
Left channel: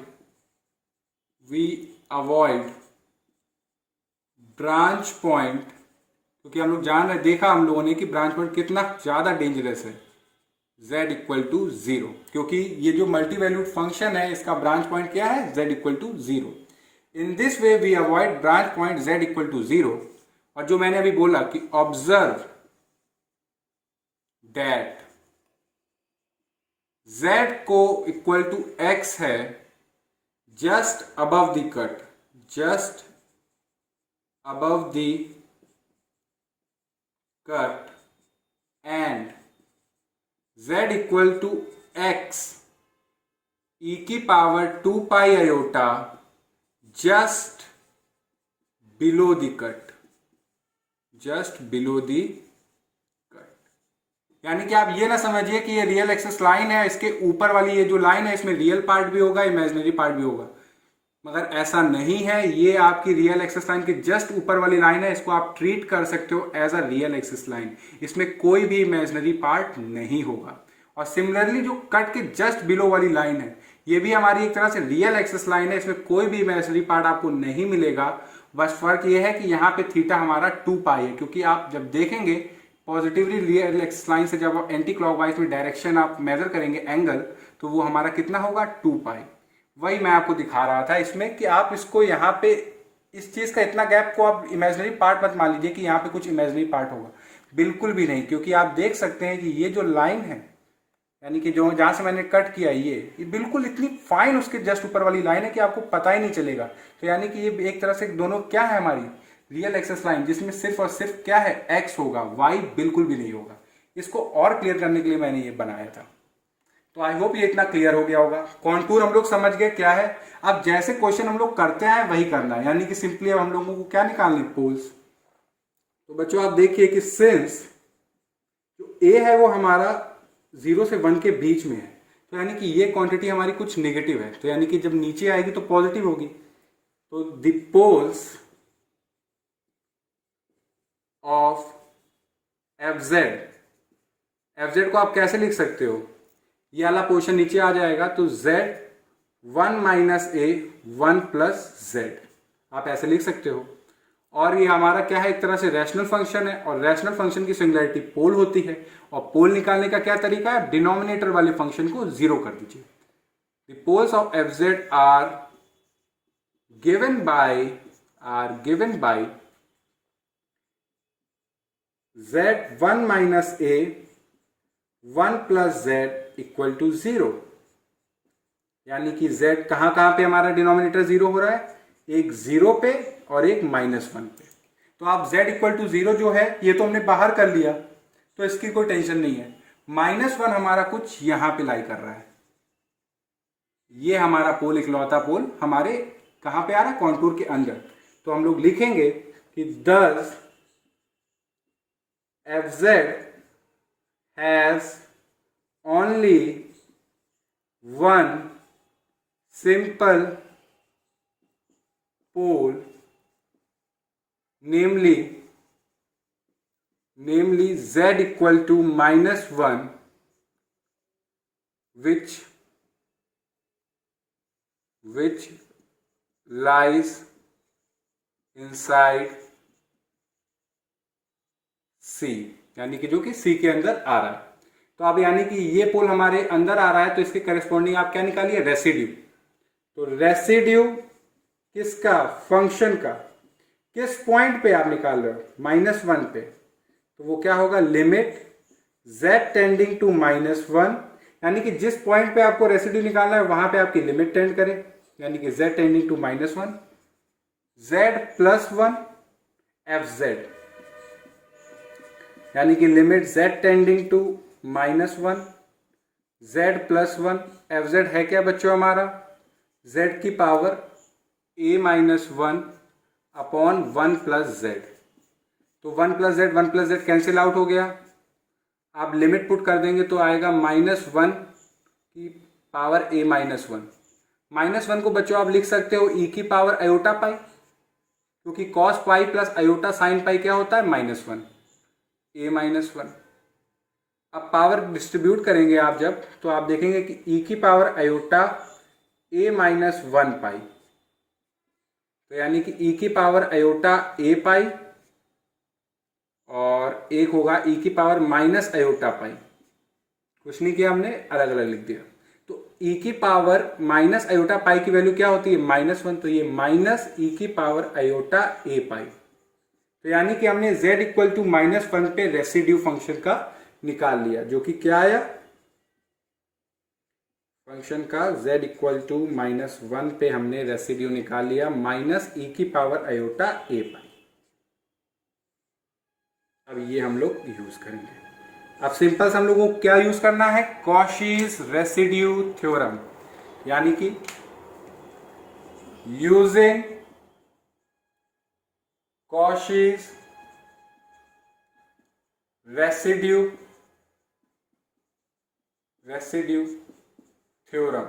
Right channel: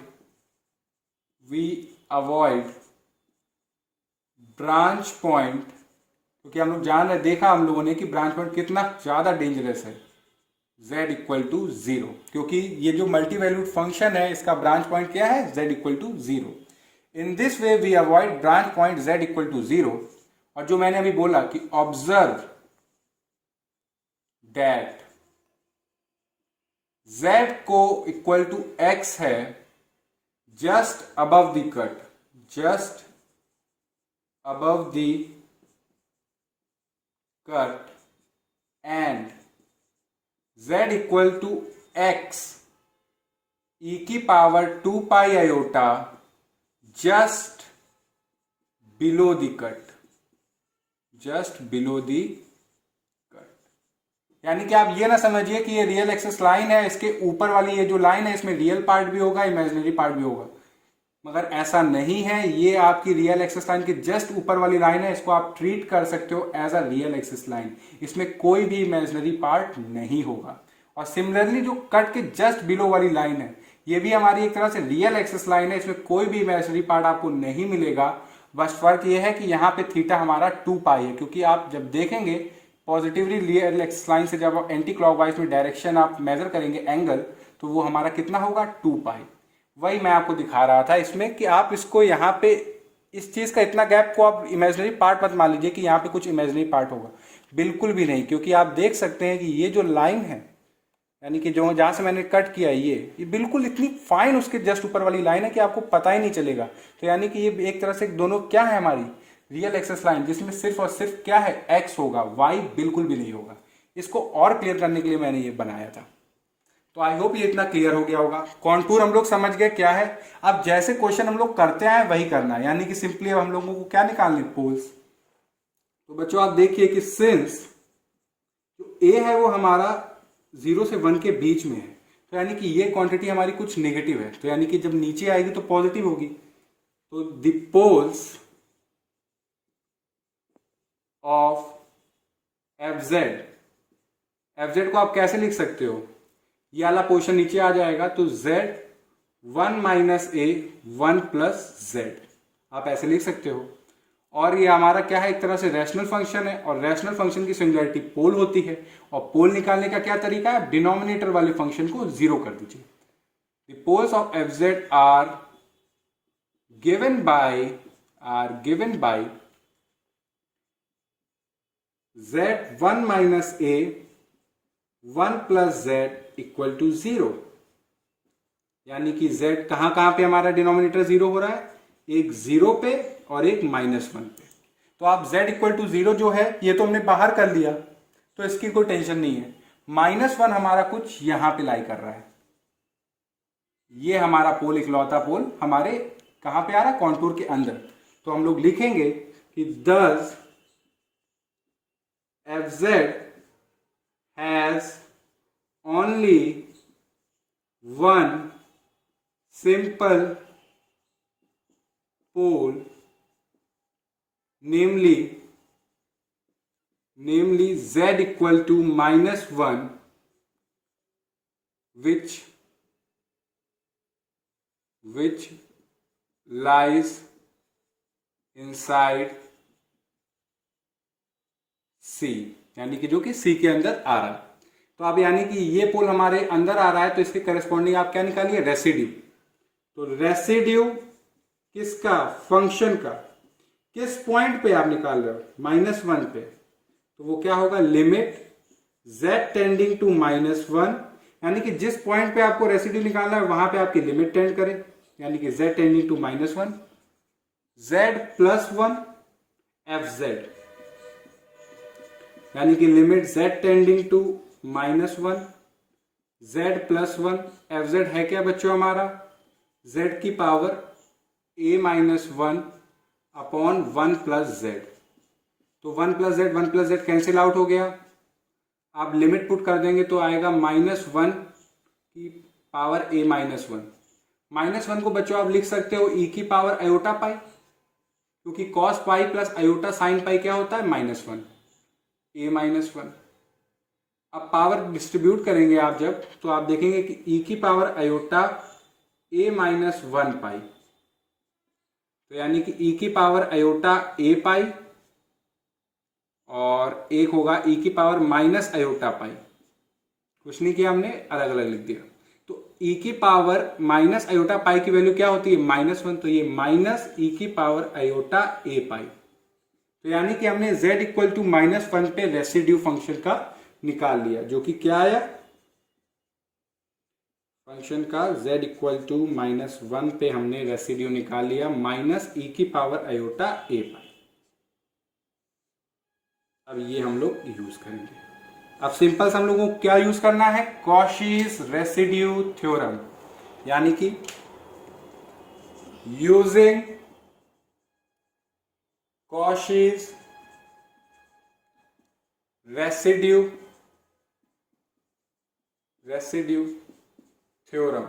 branch point, क्योंकि हम लोग जान रहे, देखा हम लोगों ने कि ब्रांच पॉइंट कितना ज्यादा डेंजरस है, z इक्वल टू 0, क्योंकि ये जो मल्टी वैल्यूड फंक्शन है इसका ब्रांच पॉइंट क्या है, z equal to 0। In this way we avoid branch point z equal to 0। और जो मैंने अभी बोला कि ऑब्जर्व दैट z को इक्वल टू x है जस्ट अबव द कट, जस्ट above the cut, and z equal to x e की power 2 pi iota just below the cut, just below the cut। यानी कि आप ये ना समझिए कि ये रियल एक्सिस लाइन है, इसके ऊपर वाली ये जो लाइन है इसमें रियल पार्ट भी होगा, इमेजिनरी पार्ट भी होगा, मगर ऐसा नहीं है। ये आपकी रियल एक्सिस लाइन के जस्ट ऊपर वाली लाइन है, इसको आप ट्रीट कर सकते हो as a real axis line, इसमें कोई भी इमेजिनरी पार्ट नहीं होगा। और सिमिलरली जो कट के जस्ट बिलो वाली लाइन है ये भी हमारी एक तरह से रियल एक्सिस लाइन है, इसमें कोई भी इमेजिनरी पार्ट आपको नहीं मिलेगा। बस फर्क ये है कि यहाँ पे थीटा हमारा 2 पाई है, क्योंकि आप जब देखेंगे पॉजिटिवली रियल एक्सिस लाइन से जब आप एंटी क्लॉकवाइज में डायरेक्शन आप मेजर करेंगे एंगल, तो वो हमारा कितना होगा, 2 पाई। वही मैं आपको दिखा रहा था इसमें कि आप इसको यहाँ पे इस चीज का इतना गैप को आप इमेजिनरी पार्ट मत मान लीजिए कि यहाँ पे कुछ इमेजिनरी पार्ट होगा, बिल्कुल भी नहीं, क्योंकि आप देख सकते हैं कि ये जो लाइन है, यानी कि जो जहाँ से मैंने कट किया ये बिल्कुल इतनी फाइन उसके जस्ट ऊपर वाली लाइन है कि आपको पता ही नहीं चलेगा। तो यानी कि ये एक तरह से दोनों क्या है, हमारी रियल एक्सिस लाइन, जिसमें सिर्फ और सिर्फ क्या है, एक्स होगा, वाई बिल्कुल भी नहीं होगा। इसको और क्लियर करने के लिए मैंने ये बनाया था। तो आई होप ये इतना क्लियर हो गया होगा। कॉन्टूर हम लोग समझ गए क्या है। अब जैसे क्वेश्चन हम लोग करते हैं वही करना है, यानी कि सिंपली अब हम लोगों को क्या निकालने, पोल्स। तो बच्चों आप देखिए कि सिंस जो ए है वो हमारा 0 से 1 के बीच में है, तो यानी कि ये क्वांटिटी हमारी कुछ नेगेटिव है, तो यानी कि जब नीचे आएगी तो पॉजिटिव होगी। तो the poles of F Z को आप कैसे लिख सकते हो, ये वाला पोर्शन नीचे आ जाएगा, तो z 1 minus A 1 plus z, आप ऐसे लिख सकते हो। और ये हमारा क्या है, एक तरह से रैशनल फंक्शन है, और रैशनल फंक्शन की सिंगुलैरिटी पोल होती है, और पोल निकालने का क्या तरीका है, डिनोमिनेटर वाले फंक्शन को 0 कर दीजिए। The poles of F Z are given by z 1 minus A 1 plus z equal to 0, यानी कि z कहां कहां पे हमारा डिनोमिनेटर 0 हो रहा है, एक 0 पे और एक -1 पे। तो आप z इक्वल टू 0 जो है ये तो हमने बाहर कर लिया, तो इसकी कोई टेंशन नहीं है। -1 हमारा कुछ यहां पे लाई कर रहा है, ये हमारा पोल, इकलौता पोल हमारे कहां पे आ रहा है, कॉन्टूर के अंदर। तो हम लोग लिखेंगे कि thus fz has only one simple pole, namely z equal to -1, which lies inside C, यानी कि जो कि C के अंदर आ रहा है। तो अब यानी कि ये पोल हमारे अंदर आ रहा है, तो इसके करस्पॉन्डिंग आप क्या निकालिए, रेसिड्यू। तो रेसिड्यू किसका, फंक्शन का, किस पॉइंट पे आप निकाल रहे हो, -1 पे, तो वो क्या होगा, लिमिट z टेंडिंग टू -1, यानी कि जिस पॉइंट पे आपको रेसिड्यू निकालना है वहां पे आपकी लिमिट टेंड करे। यानी कि z tending to -1, z+1 fz, यानी कि limit z tending to -1, z+1 fz है क्या बच्चों हमारा, z की पावर a-1 अपॉन 1 + z। तो 1 + z कैंसिल आउट हो गया। आप लिमिट पुट कर देंगे तो आएगा -1 की पावर a-1। -1 को बच्चों आप लिख सकते हो e की पावर अयोटा पाई, क्योंकि cos pi plus iota sine pi क्या होता है, -1, a-1। अब पावर डिस्ट्रीब्यूट करेंगे आप जब, तो आप देखेंगे कि e की पावर अयोटा a-1 पाई, तो यानी कि e की पावर अयोटा a पाई और एक होगा e की पावर माइनस अयोटा पाई। कुछ नहीं किया हमने, अलग अलग लिख दिया। तो e की पावर माइनस अयोटा पाई की वैल्यू क्या होती है, -1, तो ये माइनस e की पावर अयोटा a पाई। तो यानी कि हमने z इक्वल टू -1 पे रेसिड्यू फंक्शन का निकाल लिया, जो कि क्या आया, फंक्शन का z इक्वल टू -1 पे हमने रेसिड्यू निकाल लिया, माइनस e की पावर अयोटा a पाई। अब ये हम लोग यूज करेंगे। अब सिंपल से हम लोगों को क्या यूज करना है, कॉशीज रेसिड्यू थ्योरम, यानी कि यूजिंग कॉशीज रेसिड्यू थ्योरम,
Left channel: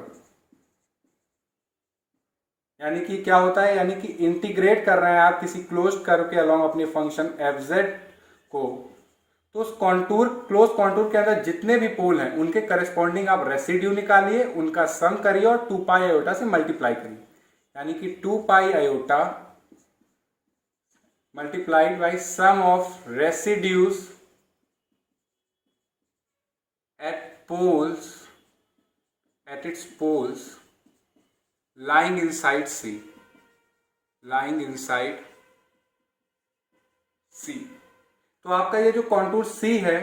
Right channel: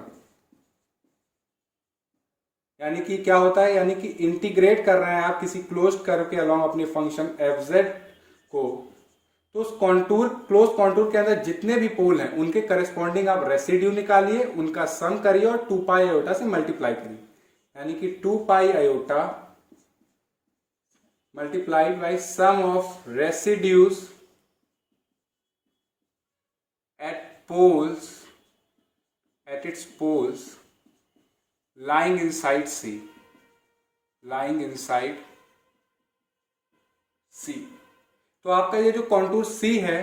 यानी कि क्या होता है, यानी कि इंटीग्रेट कर रहे हैं आप किसी क्लोज कर्व के अलॉन्ग अपने फंक्शन fz को, तो उस कॉन्टूर, क्लोज कॉन्टूर के अंदर जितने भी पोल हैं उनके करस्पॉन्डिंग आप रेसिड्यू निकालिए, उनका सम करिए और 2 पाई आयोटा से मल्टीप्लाई करिए, यानी कि 2 pi iota multiplied by sum of residues at its poles lying inside C, तो आपका ये जो कॉन्टूर C है,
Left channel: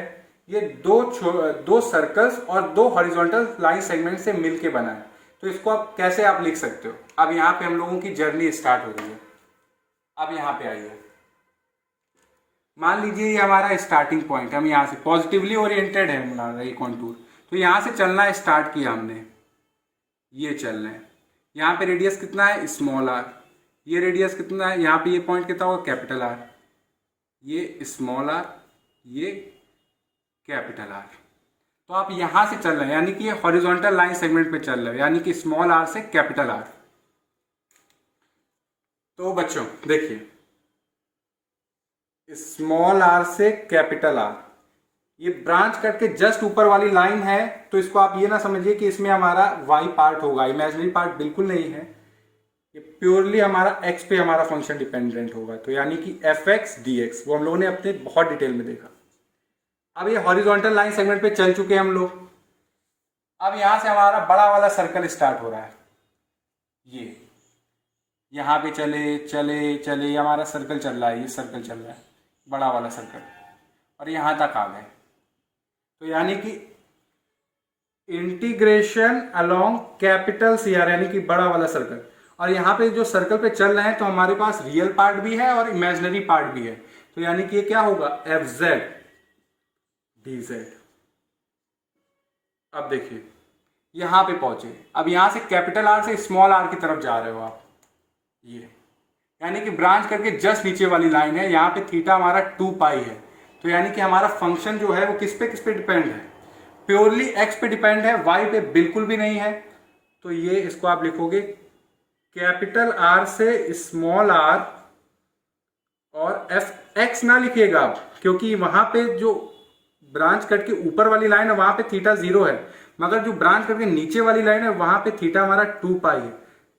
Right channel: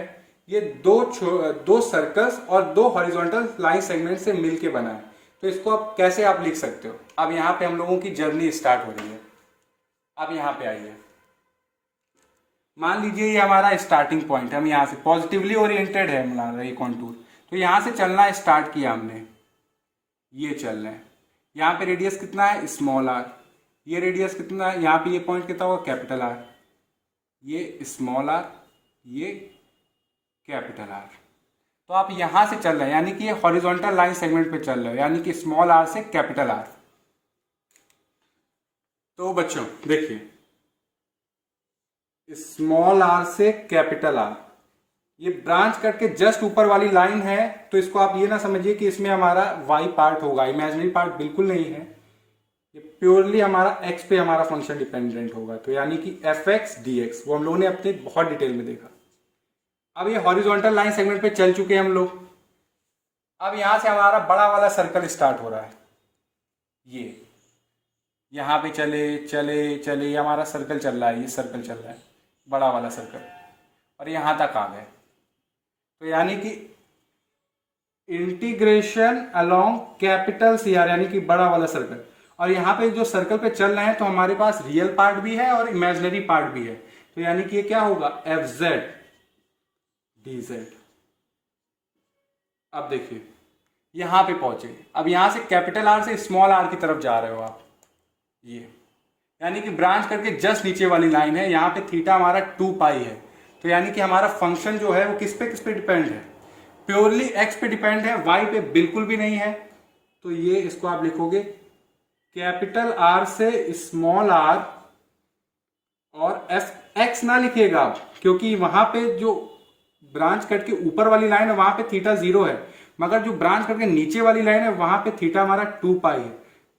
ये दो सर्कल्स और 2 हॉरिजॉन्टल लाइन सेगमेंट से मिलके बना है। तो इसको आप कैसे आप लिख सकते हो, अब यहाँ पे हम लोगों की जर्नी स्टार्ट हो रही है। अब यहाँ पे आइए, मान लीजिए ये हमारा स्टार्टिंग पॉइंट, हम यहाँ से पॉजिटिवली ओरिएंटेड है हमारा ये कॉन्टूर, तो यहाँ से चलना स्टार्ट किया हमने, ये चल रहे हैं। यहाँ पे रेडियस कितना है, स्मॉल r, ये रेडियस कितना है, यहाँ पे ये पॉइंट कितना होगा, कैपिटल R, ये स्मॉल r, ये कैपिटल R। तो आप यहाँ से चल रहे हैं, यानी कि ये हॉरिजॉन्टल लाइन सेगमेंट पे चल रहे हैं, यानी कि स्मॉल r से कैपिटल R। तो बच्चों देखिए, स्मॉल r से कैपिटल R, ये ब्रांच करके जस्ट ऊपर वाली लाइन है, तो इसको आप ये ना समझिए कि इसमें हमारा y पार्ट होगा, इमेजिनरी पार्ट बिल्कुल नहीं है, ये प्योरली हमारा x पे हमारा फंक्शन डिपेंडेंट होगा। तो यानी कि fx dx, वो हम लोगों ने अपने बहुत डिटेल में देखा। अब ये हॉरिजॉन्टल लाइन सेगमेंट पे चल चुके हैं हम लोग। अब यहां से हमारा बड़ा वाला सर्कल स्टार्ट हो रहा है, ये यहाँ पे चले चले चले हमारा सर्कल चल रहा है, ये सर्कल चल रहा है बड़ा वाला सर्कल, और यहां तक आ गए। तो यानी कि इंटीग्रेशन अलोंग कैपिटल CR, यानी कि बड़ा वाला सर्कल, और यहाँ पे जो सर्कल पे चल रहे हैं तो हमारे पास रियल पार्ट भी है और इमेजिनरी पार्ट भी है। तो यानी कि ये क्या होगा, fz dz। अब देखिए यहां पे पहुंचे, अब यहां से कैपिटल R से स्मॉल r की तरफ जा रहे हो आप, ये यानी कि ब्रांच करके जस्ट नीचे वाली लाइन है, यहाँ पे थीटा हमारा 2 पाई है। तो यानी कि हमारा फंक्शन जो है वो किस पे डिपेंड है, प्योरली x पे डिपेंड है, y पे बिल्कुल भी नहीं है। तो ये इसको आप लिखोगे कैपिटल R से स्मॉल r, और fx ना लिखिएगा आप, क्योंकि वहां पे जो ब्रांच कट के ऊपर वाली लाइन है वहां पे थीटा 0 है, मगर जो ब्रांच करके नीचे वाली लाइन है वहां पे थीटा हमारा 2 पाई है।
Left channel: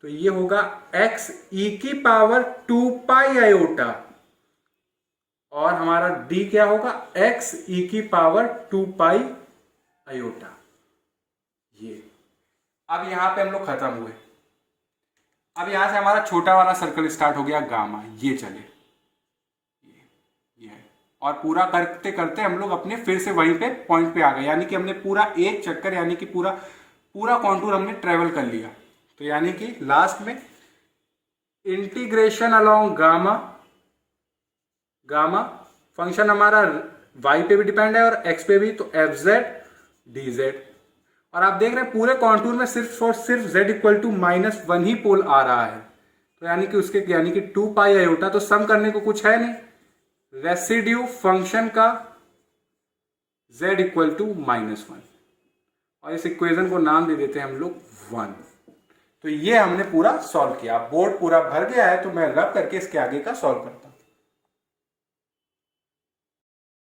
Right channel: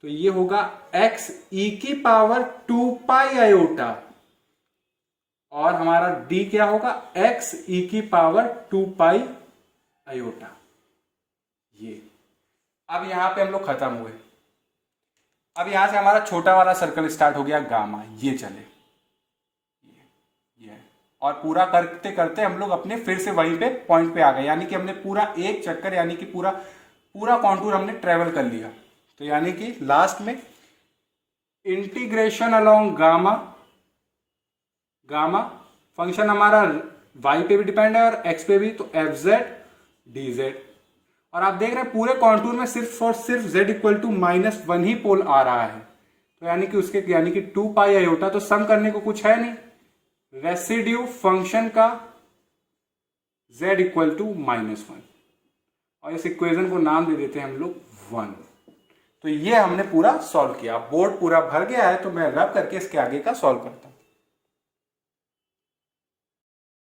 तो ये होगा x e की पावर 2 पाई आयोटा, और हमारा d क्या होगा, x e की पावर 2 पाई आयोटा। ये अब यहां पे हम लोग खत्म हुए। अब यहां से हमारा छोटा वाला सर्कल स्टार्ट हो गया गामा, ये चले ये, और पूरा करते करते हम लोग अपने फिर से वहीं पे पॉइंट पे आ गए, यानी कि हमने पूरा एक चक्कर, यानी कि पूरा कॉन्टूर हमने ट्रेवल कर लिया। तो यानी कि लास्ट में integration along gamma, gamma function हमारा y पे भी डिपेंड है और x पे भी, तो एफ जेड डी जेड। और आप देख रहे हैं पूरे कॉन्टूर में सिर्फ और सिर्फ z इक्वल टू -1 ही पोल आ रहा है, तो यानी कि उसके यानी कि 2 पाई आयोटा, तो सम करने को कुछ है नहीं, रेसिड्यू फंक्शन का z इक्वल टू -1, और इस इक्वेशन को नाम दे देते हैं हम लोग 1। तो ये हमने पूरा सॉल्व किया। बोर्ड पूरा भर गया है तो मैं रब करके इसके आगे का सॉल्व करता हूं।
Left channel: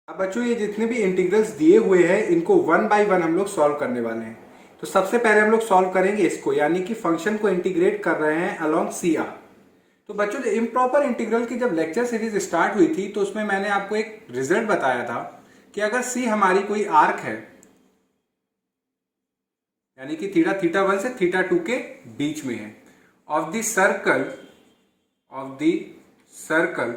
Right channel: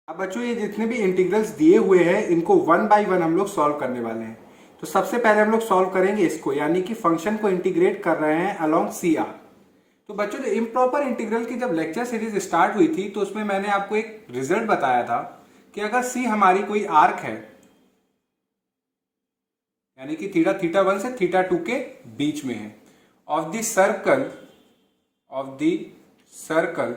अब बच्चों ये जितने भी इंटीग्रल्स दिए हुए हैं इनको 1 बाय 1 हम लोग सॉल्व करने वाले हैं। तो सबसे पहले हम लोग सॉल्व करेंगे इसको, यानी कि फंक्शन को इंटीग्रेट कर रहे हैं अलोंग सी आर। तो बच्चों इम्प्रॉपर इंटीग्रल की जब लेक्चर सीरीज स्टार्ट हुई थी तो उसमें मैंने आपको एक रिजल्ट बताया था कि अगर सी हमारी कोई आर्क है, यानी कि थीटा थीटा 1 से थीटा 2 के बीच में है, of the circle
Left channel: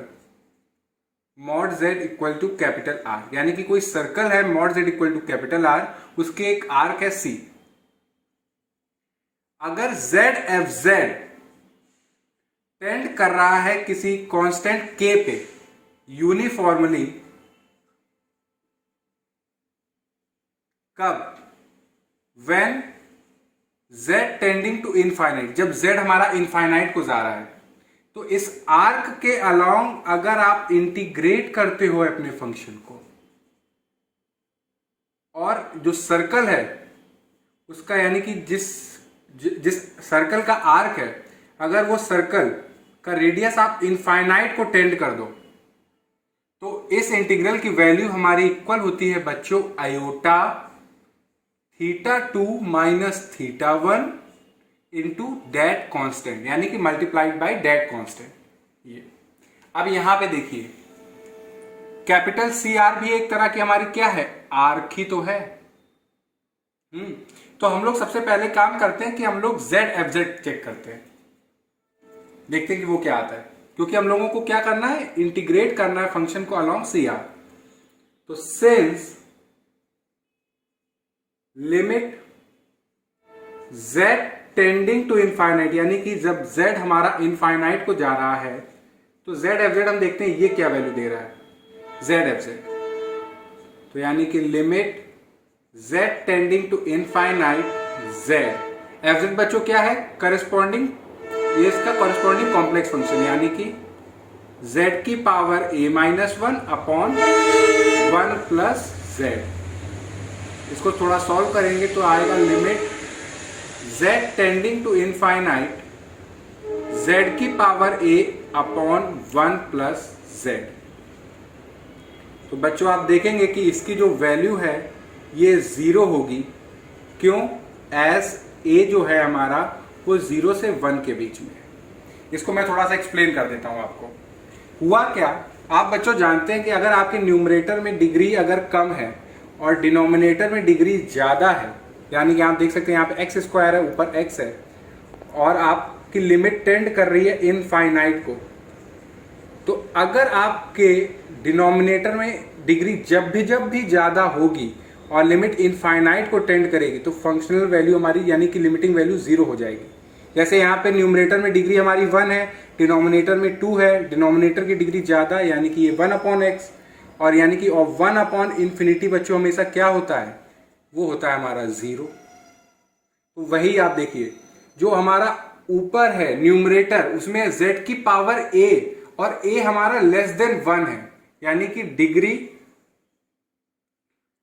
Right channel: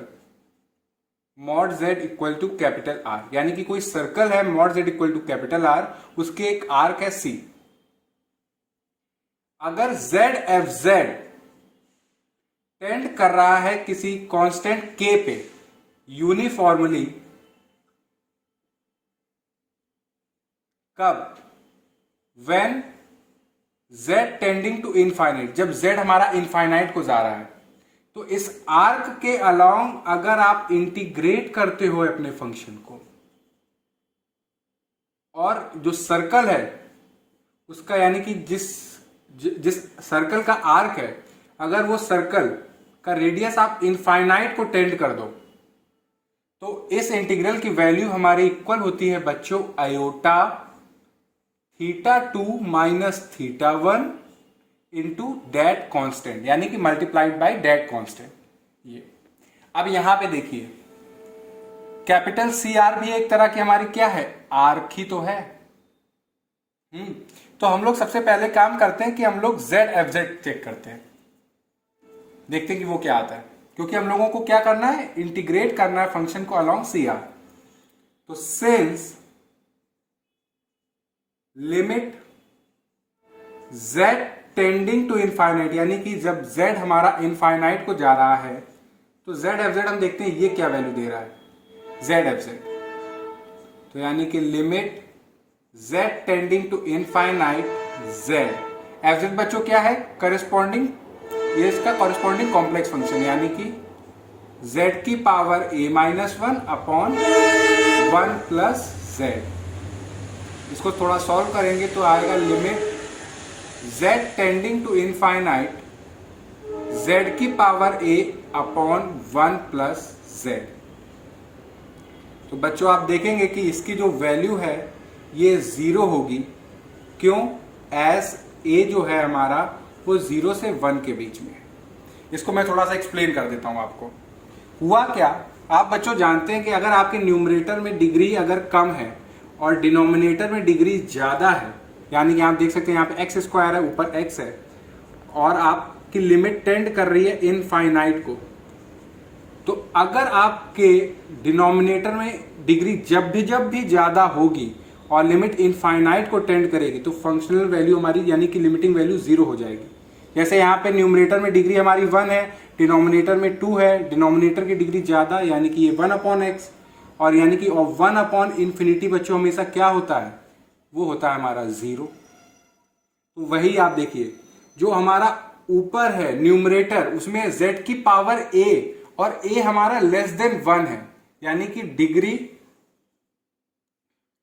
mod Z equal to capital R, यानी कि कोई सर्कल है mod Z equal to capital R, उसके एक आर्क है सी। अगर जेड एफ जेड टेंड कर रहा है किसी कांस्टेंट के पे यूनिफॉर्मली, कब? When z tending to infinite, जब z हमारा इनफाइनाइट को जा रहा है। तो इस आर्क के अलोंग अगर आप इंटीग्रेट करते हो अपने फंक्शन को, और जो सर्कल है उसका यानी कि जिस सर्कल का आर्क है, अगर वो सर्कल का रेडियस आप इनफाइनाइट को टेंड कर दो, तो इस इंटीग्रल की वैल्यू हमारी इक्वल होती है बच्चों iota theta 2 minus theta 1 into that constant, यानी कि मल्टीप्लाइड बाय डेट कॉन्स्टेंट। ये अब यहां पे देखिए कैपिटल सी आर भी एक तरह की हमारी क्या है, आर्क ही तो है। तो हम लोग सबसे पहले काम करते हैं कि हम लोग जेड एफ जेड चेक करते हैं, देखते हैं कि वो क्या आता है, क्योंकि हम लोगों को क्या करना है, इंटीग्रेट करना है फंक्शन को अलोंग सी आर। तो since limit z tending to infinite, यानी कि जब z हमारा इनफाइनाइट को जा रहा है, तो z एफ जेड हम देखते हैं ये क्या वैल्यू दे रहा है, z एफ जेड। तो यानी कि limit z tending to infinite z F Z बच्चों क्या है, करस्पॉन्डिंग, ये इसका करस्पॉन्डिंग कॉम्प्लेक्स फंक्शन, यानी कि z की power a-1 upon 1 plus z। इसको थोड़ा सॉल्व करेंगे तो आएगा limit z tending to infinite z की power a upon 1 plus z। तो बच्चों आप देखेंगे कि इसकी जो वैल्यू है ये 0 होगी, क्यों? एज a जो है हमारा वो 0 से 1 के बीच में है। इसको मैं थोड़ा सा एक्सप्लेन कर देता हूं आपको। हुआ क्या, आप बच्चों जानते हैं कि अगर आपके न्यूमरेटर में डिग्री अगर कम है और डिनोमिनेटर में डिग्री ज्यादा है, यानी कि आप देख सकते हैं यहाँ पे एक्स स्क्वायर है, ऊपर x है, और आपकी लिमिट टेंड कर रही है इनफाइनाइट को, तो अगर आपके डिनोमिनेटर में डिग्री जब भी ज्यादा होगी और लिमिट इनफाइनाइट को टेंड करेगी, तो फंक्शनल वैल्यू हमारी यानी कि लिमिटिंग वैल्यू 0 हो जाएगी। जैसे यहाँ पे न्यूमरेटर में डिग्री हमारी 1 है, डिनोमिनेटर में 2 है, डिनोमिनेटर की डिग्री ज्यादा है, यानी कि ये 1 अपॉन एक्स, और यानी कि 1 अपॉन इन्फिनिटी बच्चों हमेशा क्या होता है, वो होता है हमारा 0। तो वही आप देखिए जो हमारा ऊपर है न्यूमरेटर, उसमें z की पावर a और a हमारा लेस देन 1 है, यानी कि डिग्री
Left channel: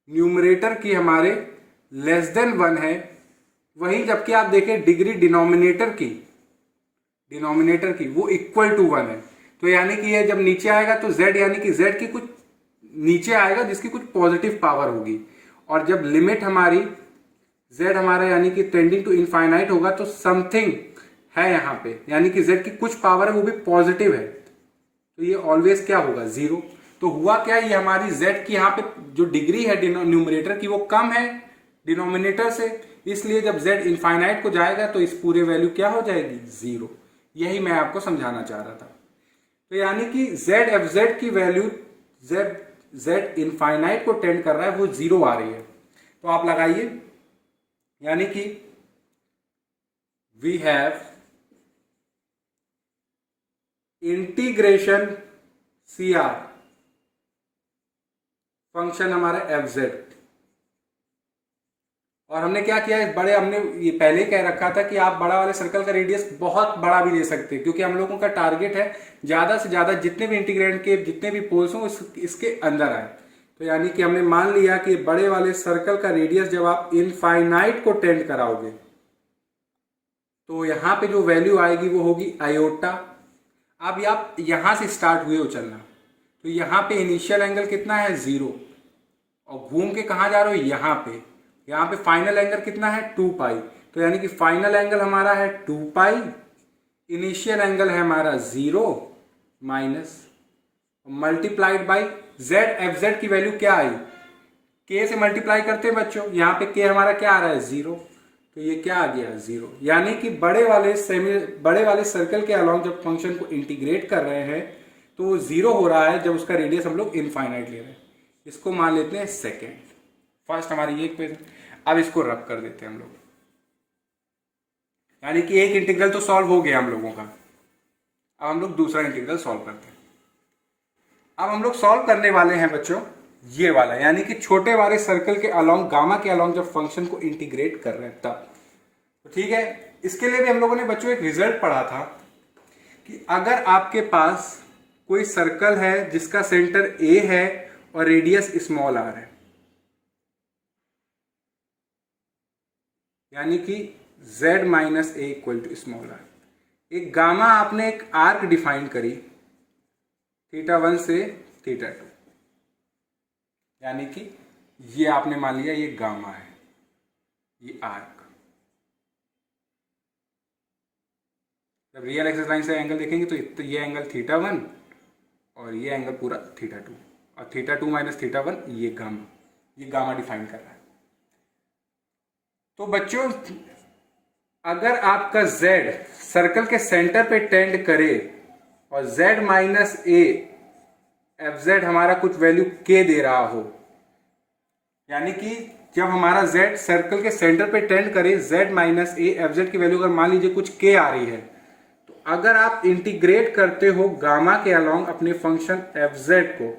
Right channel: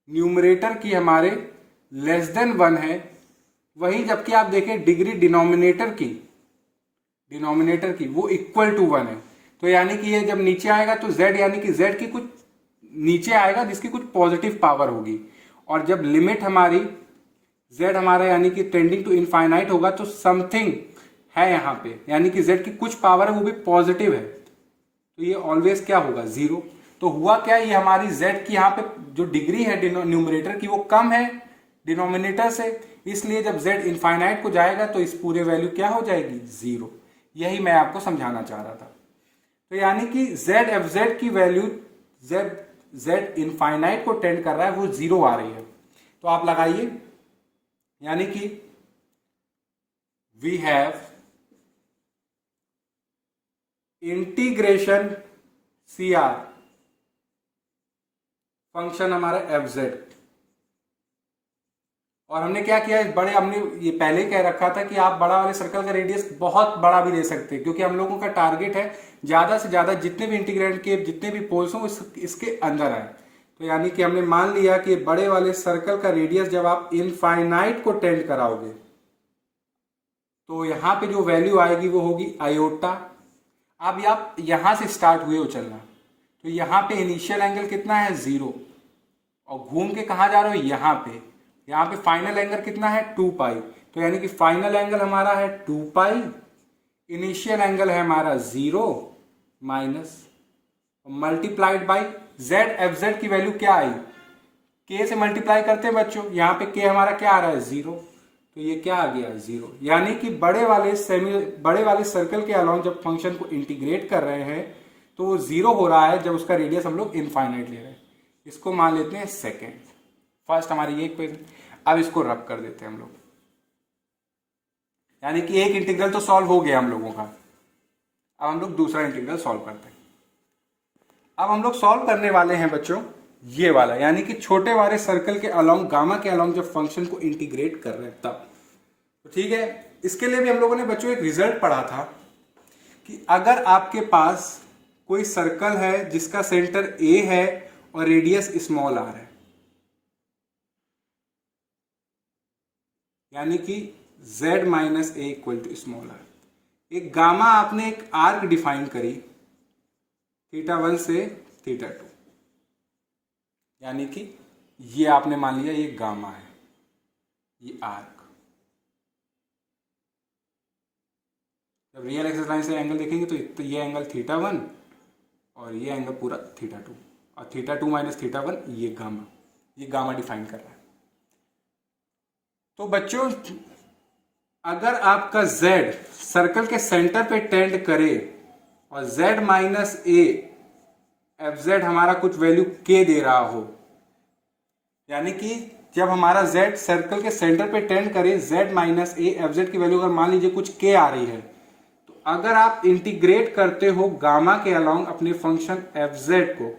न्यूमरेटर की हमारे लेस देन 1 है। वहीं जबकि आप देखें डिग्री डिनोमिनेटर की वो इक्वल टू 1 है। तो यानी कि ये जब नीचे आएगा तो z यानी कि z की कुछ नीचे आएगा जिसकी कुछ पॉजिटिव पावर होगी, और जब लिमिट हमारी z हमारा यानी कि टेंडिंग टू इनफाइनाइट होगा तो समथिंग है यहाँ पे, यानी कि z की कुछ पावर है वो भी पॉजिटिव है, तो ये ऑलवेज क्या होगा, 0। तो हुआ क्या, ये हमारी z की यहाँ पे जो डिग्री है न्यूमरेटर की वो कम है डिनोमिनेटर से, इसलिए जब z इनफाइनाइट को जाएगा तो इस पूरे वैल्यू क्या हो जाएगी, 0। यही मैं आपको समझाना चाह रहा था। तो यानी कि z एफ जेड की वैल्यू z इनफाइनाइट को टेंड कर रहा है वो 0 आ रही है। तो आप लगाइए, यानी कि we have integration C R, function हमारा एफ जेड। और हमने क्या किया है, हमने ये पहले ही कह रखा था कि आप बड़ा वाले सर्कल का रेडियस बहुत बड़ा भी ले सकते हैं, क्योंकि हम लोगों का टारगेट है ज्यादा से ज्यादा जितने भी इंटीग्रेंड के जितने भी पोल्स हों इसके अंदर आए। तो यानी कि हमने मान लिया कि बड़े वाले सर्कल का रेडियस जब आप इनफाइनाइट को टेंड कराओगे तो यहां पे जो वैल्यू आएगी वो होगी आयोटा। अब आप यहां से स्टार्ट हुए हो चलना, तो यहां पे इनिशियल एंगल कितना है 0, और घूम के कहां जा रहे हो यहाँ पे फाइनल एंगल कितना है 2 पाई। तो यानी कि फाइनल एंगल हमारा है 2 पाई, इनिशियल एंगल है हमारा 0 minus multiplied by Z. F Z की वैल्यू क्या आई, के से मल्टीप्लाई करते हैं बच्चों, यहाँ पे के हमारा क्या आ रहा है 0, तो ये क्या आ गया 0। यानी कि बड़े वाले सर्कल के अलोंग जब फंक्शन को इंटीग्रेट कर रहे हैं तो वो 0 हो रहा है जब उसका रेडियस हम लोग इनफाइनाइट ले रहे हैं। इसको मान लेते हैं सेकेंड। फर्स्ट हमारी ये इक्वेशन, अब इसको रब कर देते हैं हम लोग, यानी कि एक इंटीग्रल तो सॉल्व हो गया हम लोगों का। अब हम लोग दूसरा इंटीग्रल सॉल्व करते हैं। अब हम लोग सॉल्व करने वाले हैं बच्चों ये वाला, यानी कि छोटे वाले सर्कल के अलोंग, गामा के अलोंग जब फंक्शन को इंटीग्रेट कर रहे हैं तब। तो ठीक है, इसके लिए भी हम लोगों ने बच्चों एक रिजल्ट पढ़ा था कि अगर आपके पास कोई सर्कल है जिसका सेंटर ए है और रेडियस स्मॉल आर है, यानी कि z minus A equal to small R, एक गामा आपने एक आर्क डिफाइन करी θ1 से θ2, यानी कि ये आपने मान लिया ये गामा है, ये आर्क। जब रियल एक्सिस लाइन से एंगल देखेंगे तो ये एंगल θ1 और ये एंगल पूरा θ2, और θ2 माइनस θ1 ये गामा डिफाइन कर रहा है। तो बच्चों अगर आपका z सर्कल के सेंटर पे टेंड करे और z minus A F Z हमारा कुछ वैल्यू k दे रहा हो, यानी कि जब हमारा z सर्कल के सेंटर पे टेंड करे z minus A F Z की वैल्यू अगर मान लीजिए कुछ k आ रही है, तो अगर आप इंटीग्रेट करते हो गामा के अलोंग अपने फंक्शन एफ जेड को,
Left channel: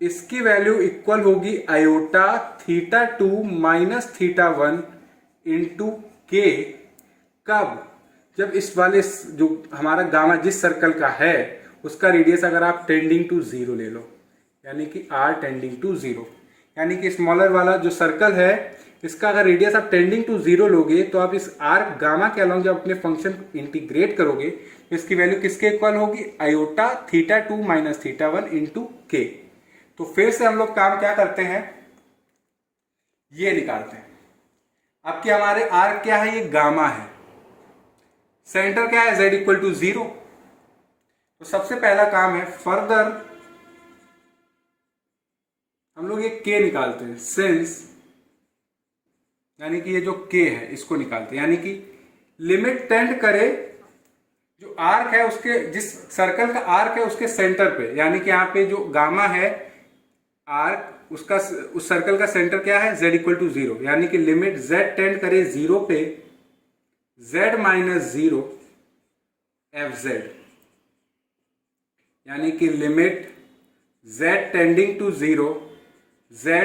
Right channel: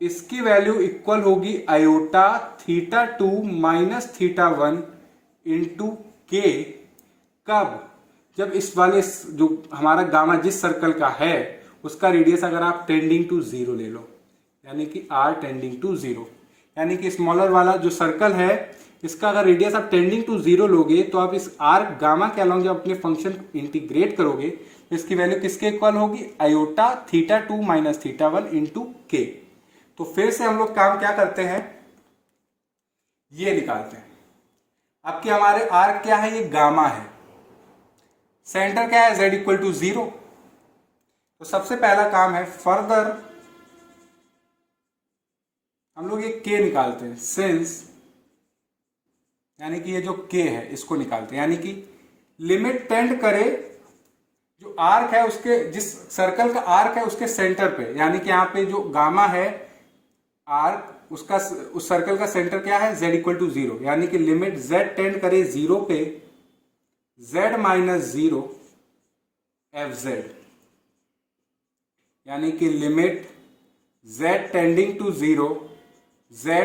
इसकी वैल्यू इक्वल होगी आयोटा θ2 माइनस θ1 इंटू के। कब, जब इस वाले जो हमारा गामा जिस सर्कल का है उसका रेडियस अगर आप टेंडिंग टू 0 ले लो, यानी कि r टेंडिंग टू 0, यानी कि स्मॉलर वाला जो सर्कल है इसका अगर रेडियस आप टेंडिंग टू 0 लोगे तो आप इस r गामा के अलोंग जब अपने फंक्शन को इंटीग्रेट करोगे तो इसकी वैल्यू किसके इक्वल होगी, आयोटा θ2 माइनस θ1 इंटू के। तो फिर से हम लोग काम क्या करते हैं, ये निकालते हैं। आपके हमारे आर्क क्या है, ये गामा है, सेंटर क्या है z इक्वल टू 0। तो सबसे पहला काम है फर्दर हम लोग ये k निकालते हैं, सिंस यानी कि ये जो k है इसको निकालते हैं, यानी कि लिमिट टेंड करे जो आर्क है उसके, जिस सर्कल का आर्क है उसके सेंटर पे, यानी कि यहाँ पे जो गामा है आर्क उसका, उस सर्कल का सेंटर क्या है z इक्वल टू 0, यानी कि लिमिट z टेंड करे 0 पे z माइनस 0 एफ जेड, यानी कि limit z tending to 0 z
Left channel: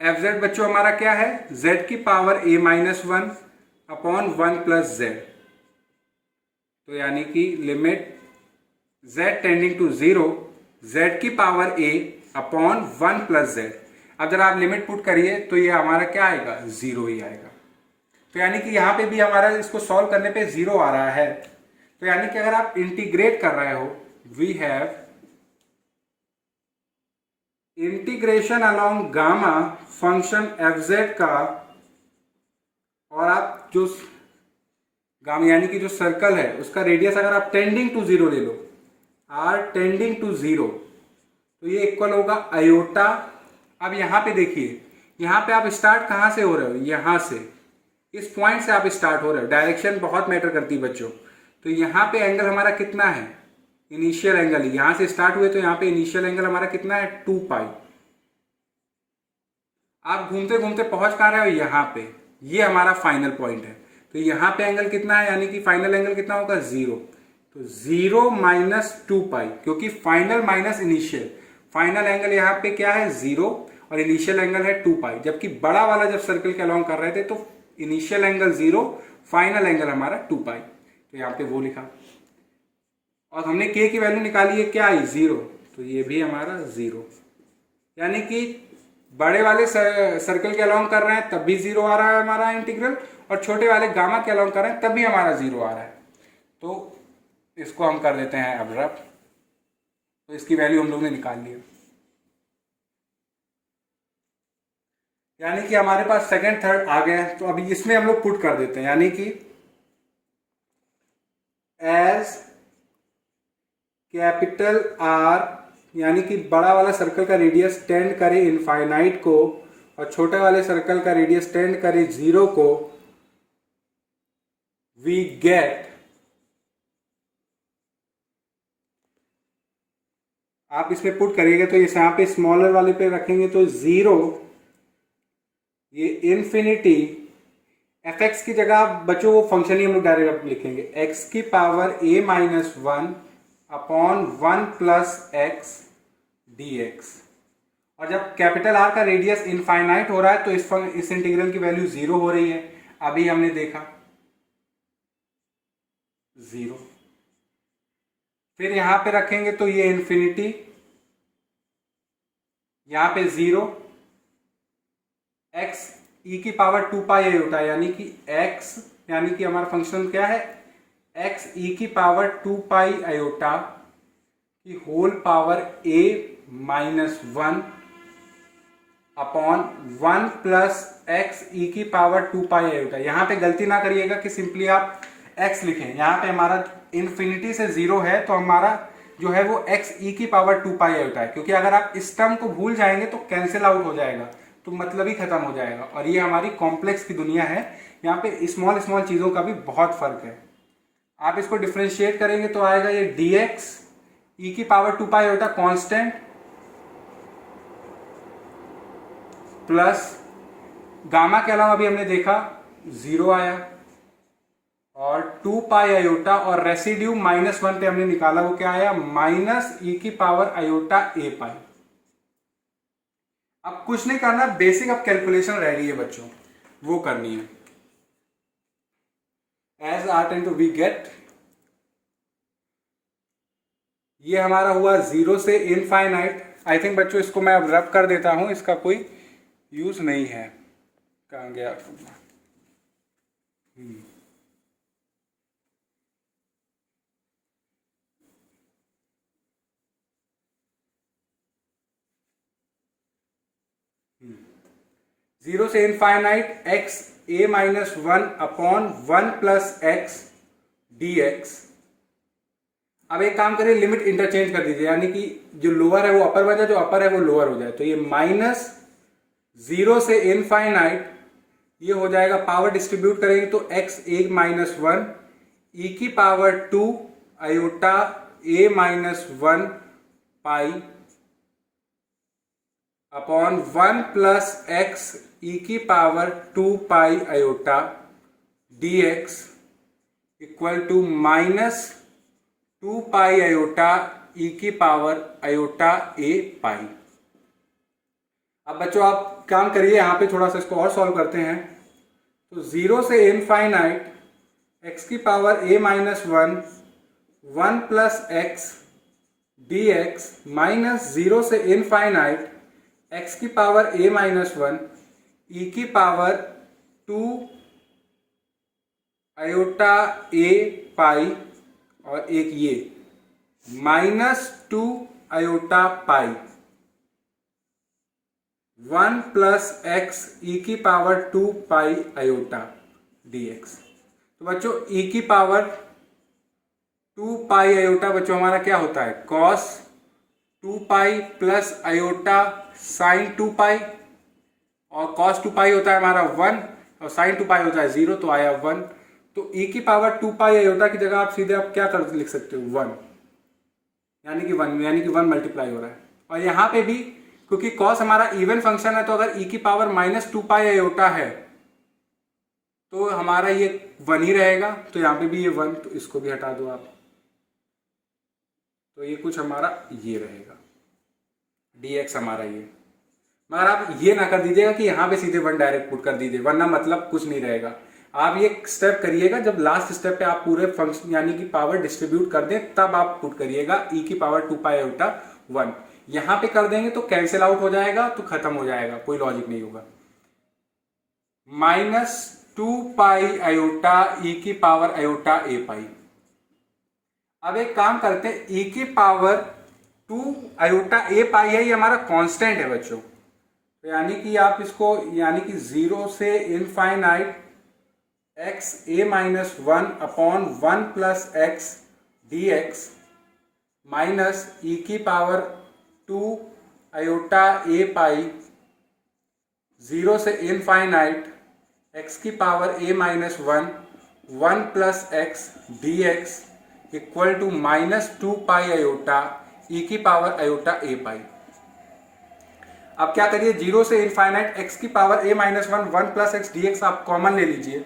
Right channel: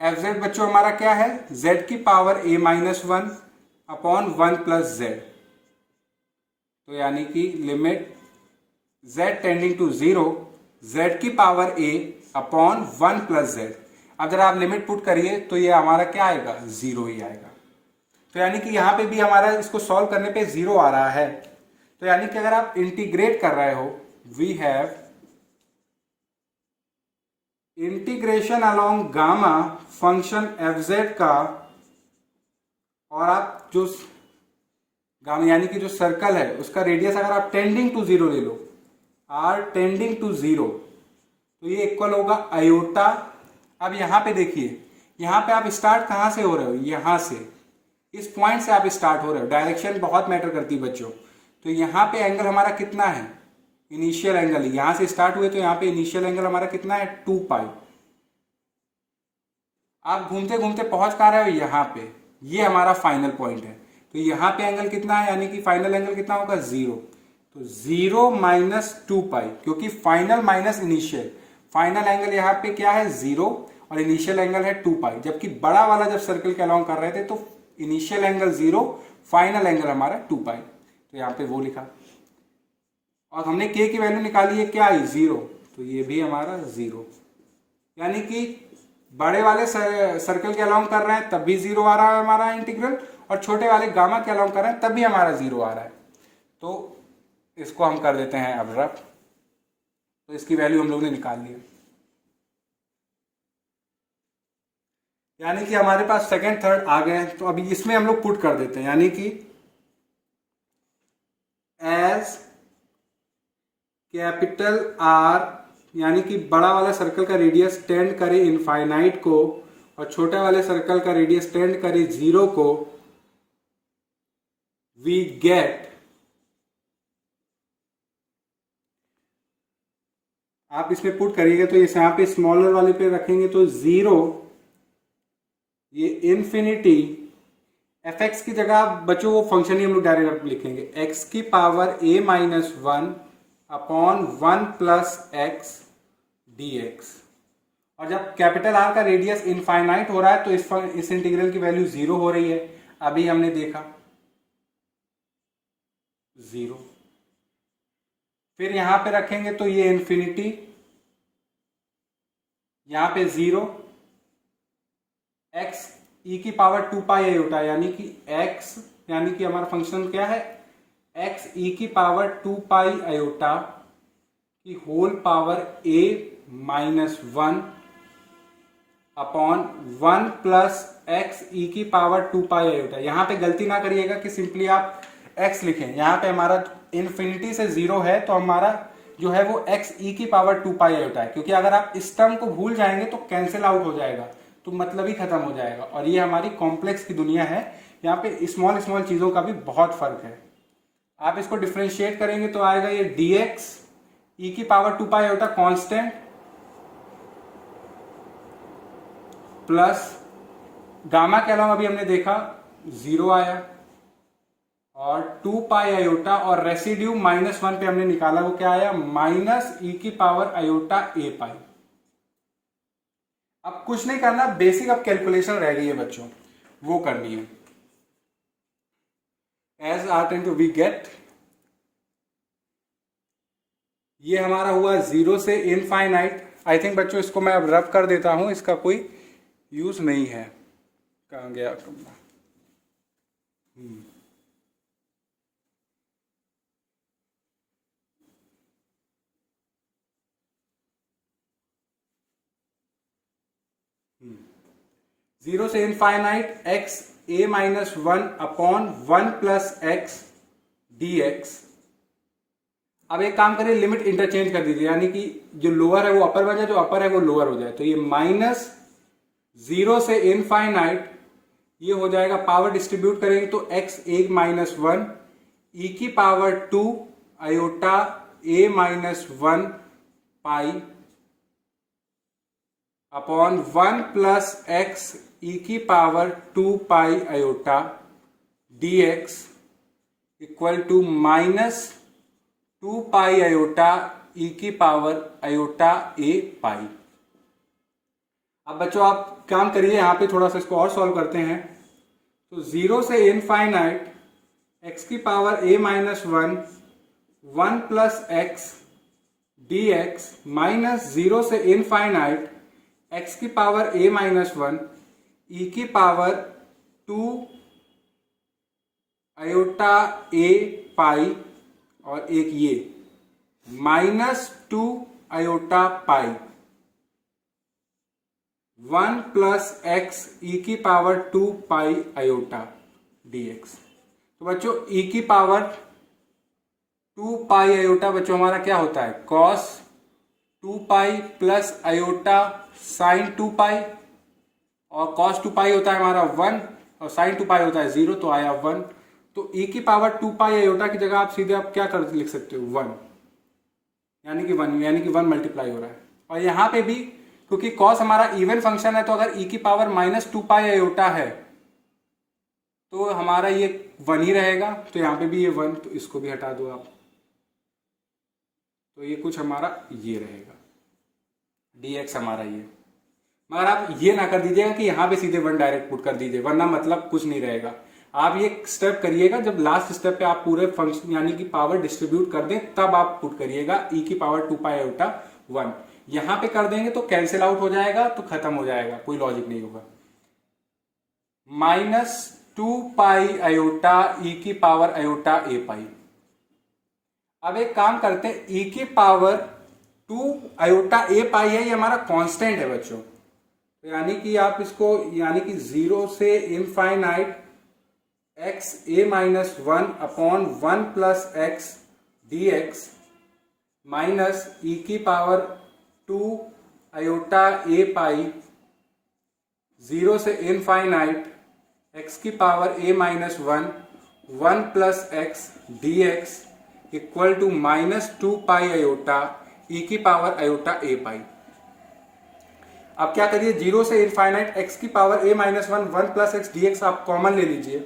F Z बच्चों हमारा क्या है z की power a minus 1 upon 1 plus z। तो यानी कि limit z tending to 0 z की power a upon 1 plus z। अब जरा आप लिमिट पुट करिए तो ये हमारा क्या आएगा 0 ही आएगा। तो यानी कि यहाँ पे भी हमारा इसको सॉल्व करने पे 0 आ रहा है। तो यानी कि अगर आप इंटीग्रेट कर रहे हो, we have integration along gamma function F Z का, और आप जो गामा यानी कि जो सर्कल है उसका रेडियस अगर आप टेंडिंग टू 0 ले लो, आर टेंडिंग टू 0, तो ये इक्वल होगा आयोटा। अब यहाँ पे देखिए, यहाँ पे आप स्टार्ट कहाँ से हो रहे हो, यहाँ से, इस पॉइंट से आप स्टार्ट हो रहे हो। डायरेक्शन बहुत मैटर करती है बच्चों। तो यहाँ पे एंगल हमारा कितना है, इनिशियल एंगल, यहाँ से स्टार्ट हुए तो यहाँ पे इनिशियल एंगल हमारा कितना है 2 पाई। आप घूमते घूमते पहुंच कहाँ रहे हो, यहाँ पे, ये हमारा फाइनल पॉइंट है। तो यहाँ पे एंगल कितना है, यानी कि फाइनल एंगल कितना होगा 0। तो 0 माइनस 2 पाई, क्योंकि final minus initial, final angle यहाँ पे क्या है 0 और इनिशियल एंगल है 2 पाई। जबकि बड़ा वाला जब सर्कल के अलाउंग कर रहे थे तो इनिशियल एंगल 0, फाइनल एंगल हमारा 2 पाई, तो यहाँ पे वो लिखा। और हमने k की वैल्यू निकाली है, क्या आई 0, तो ये भी हमारा 0। यानी कि बड़े वाले सर्कल के अलाउंग कर रहे हैं तब भी 0 आ रहा है हमारा इंटीग्रल, और छोटे वाले गामा के अलाउंग कर रहे हैं तब भी हमारा 0 आ रहा है। तो इसको हम कर देते हैं अब रफ। तो इसकी वैल्यू हम लोग ने निकाल ली, यानी कि हमारे पास सेकंड थर्ड आ गए हैं। तो अभी इसमें हम लोग पुट कर देते हैं, यानी कि एज कैपिटल आर, यानी कि बड़ा वाला सर्कल का रेडियस टेंड करे इनफाइनाइट को और छोटे वाले सर्कल का रेडियस टेंड करे 0 को, वी गेट, आप इसमें पुट करिएगा तो इस यहाँ पे स्मॉलर वाले पे रखेंगे तो 0, ये इन्फिनिटी, एफ एक्स की जगह बच्चों वो फंक्शन ही हम लोग डायरेक्ट लिखेंगे, एक्स की power a minus 1 upon 1 plus x D x. और जब कैपिटल आर का रेडियस इनफाइनाइट हो रहा है तो इस इंटीग्रल की वैल्यू 0 हो रही है, अभी हमने देखा 0। फिर यहां पे रखेंगे तो ये इन्फिनिटी, यहां पे 0, x e की पावर 2 पाई आयोटा, यानी कि x, यानी कि हमारा फंक्शन क्या है x e की पावर 2 पाई आयोटा की whole power a minus 1 upon 1 plus x e की पावर 2 पाई आयोटा। यहाँ पे गलती ना करिएगा कि सिंपली आप x लिखें, यहाँ पे हमारा इन्फिनिटी से 0 है तो हमारा जो है वो x ई की पावर 2 पाई आयोटा है, क्योंकि अगर आप इस टर्म को भूल जाएंगे तो कैंसिल आउट हो जाएगा, तो मतलब ही खत्म हो जाएगा। और ये हमारी कॉम्प्लेक्स की दुनिया है, यहाँ पे स्मॉल स्मॉल चीज़ों का भी बहुत फर्क है। आप इसको डिफ्रेंशिएट करेंगे तो आएगा ये dx ई की power 2 pi iota constant plus gamma के अलावा अभी हमने देखा 0 आया और 2 पाई आयोटा और रेसिड्यू माइनस 1 पे हमने निकाला, वो क्या आया माइनस ई की पावर आयोटा ए पाई। अब कुछ नहीं करना, बेसिक अब कैलकुलेशन रह रही है बच्चों, वो करनी है। As R tends to we get, ये हमारा हुआ 0 से इनफाइनाइट। आई थिंक बच्चों इसको मैं अब रब कर देता हूं, इसका कोई यूज नहीं है। कहाँ गया? 0 से infinite x a minus 1 upon 1 plus x D x. अब एक काम करिए, लिमिट इंटरचेंज कर दीजिए, यानी कि जो लोअर है वो अपर बन जाए, जो अपर है वो लोअर हो जाए। तो ये माइनस 0 से इनफाइनाइट, ये हो जाएगा पावर डिस्ट्रीब्यूट करेंगे तो एक्स ए माइनस 1 ई की power 2 iota a minus 1 pi upon 1 plus x e की power 2 pi iota d x equal to minus 2 pi iota e की पावर आयोटा ए पाई। अब बच्चों आप काम करिए, यहाँ पे थोड़ा सा इसको और सॉल्व करते हैं। तो 0 से इनफाइनाइट एक्स की power a minus 1 1 plus x D x minus 0 से इनफाइनाइट एक्स की पावर ए माइनस 1 ई की पावर 2 आयोटा ए पाई और एक ये minus 2 iota pi 1 plus x e की power 2 pi iota d x. तो बच्चों ई की पावर 2 पाई आयोटा बच्चों हमारा क्या होता है कॉस 2 पाई प्लस आयोटा साइन 2 पाई, और कॉस 2 पाई होता है हमारा 1 और साइन 2 पाई होता है 0, तो आया 1। तो ई की पावर 2 पाई आयोटा की जगह आप सीधे आप क्या कर लिख सकते हो 1, यानी कि 1 मल्टीप्लाई हो रहा है। और यहाँ पे भी क्योंकि कॉस हमारा इवन फंक्शन है, तो अगर ई की पावर माइनस 2 पाई आयोटा है तो हमारा ये 1 ही रहेगा, तो यहाँ पे भी ये 1, तो इसको भी हटा दो आप, तो ये कुछ हमारा ये रहेगा dx हमारा ये। मगर आप ये ना कर दीजिएगा कि यहाँ पे सीधे 1 डायरेक्ट पुट कर दीजिए, वरना मतलब कुछ नहीं रहेगा। आप ये स्टेप करिएगा, जब लास्ट स्टेप पे आप पूरे फंक्शन यानी कि पावर डिस्ट्रीब्यूट कर दें तब आप पुट करिएगा e की पावर 2 पाई आयोटा 1। यहाँ पे कर देंगे तो कैंसिल आउट हो जाएगा, तो खत्म हो जाएगा, कोई लॉजिक नहीं होगा। -2 पाई आयोटा e की पावर आयोटा a पाई। अब एक काम करते हैं, e की पावर 2 आयोटा a पाई है, ये हमारा कांस्टेंट है बच्चों, तो यानी कि आप इसको यानी कि 0 से infinite x a minus 1 upon 1 plus x D x minus e की पावर 2 आयोटा a पाई 0 से इनफाइनाइट x की power a minus 1 plus x D x equal to -2 pi iota e की पावर आयोटा a पाई। अब क्या करिए, 0 से infinite x की power a minus 1 plus x D x आप common ले लीजिए,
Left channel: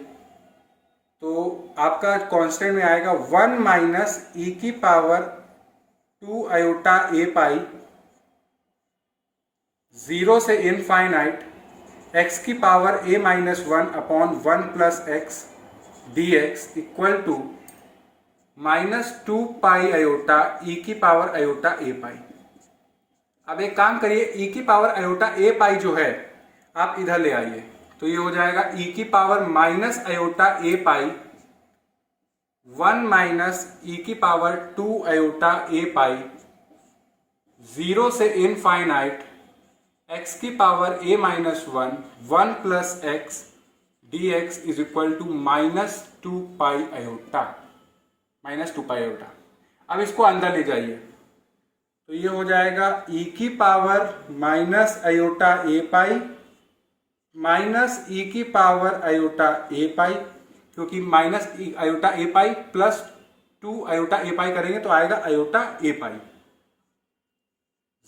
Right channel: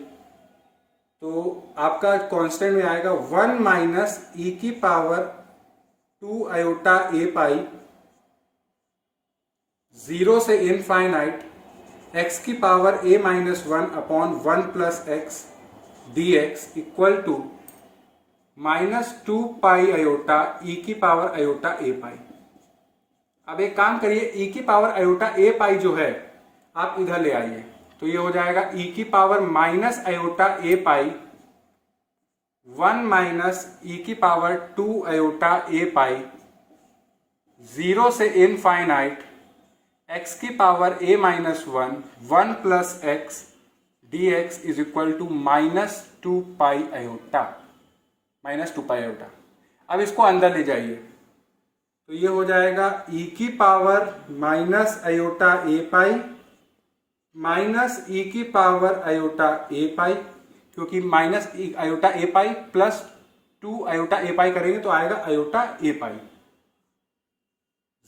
तो आपका कांस्टेंट में आएगा 1 माइनस ई की पावर 2 आयोटा a पाई 0 से इनफाइनाइट x की power a minus 1 upon 1 plus x D x equal to -2 pi iota e की पावर आयोटा a पाई। अब एक काम करिए, e की पावर आयोटा a पाई जो है आप इधर ले आइए, तो ये हो जाएगा e की power minus iota a pi 1 minus e की पावर 2 आयोटा a पाई 0 से इनफाइनाइट x की power a minus 1 plus x D x is equal to -2 pi iota -2 pi iota. अब इसको अंदर ले जाइए, तो ये हो जाएगा e की power minus iota a pi minus e की पावर आयोटा a पाई, क्योंकि minus iota a pi plus 2 iota a pi करेंगे तो आएगा आयोटा a पाई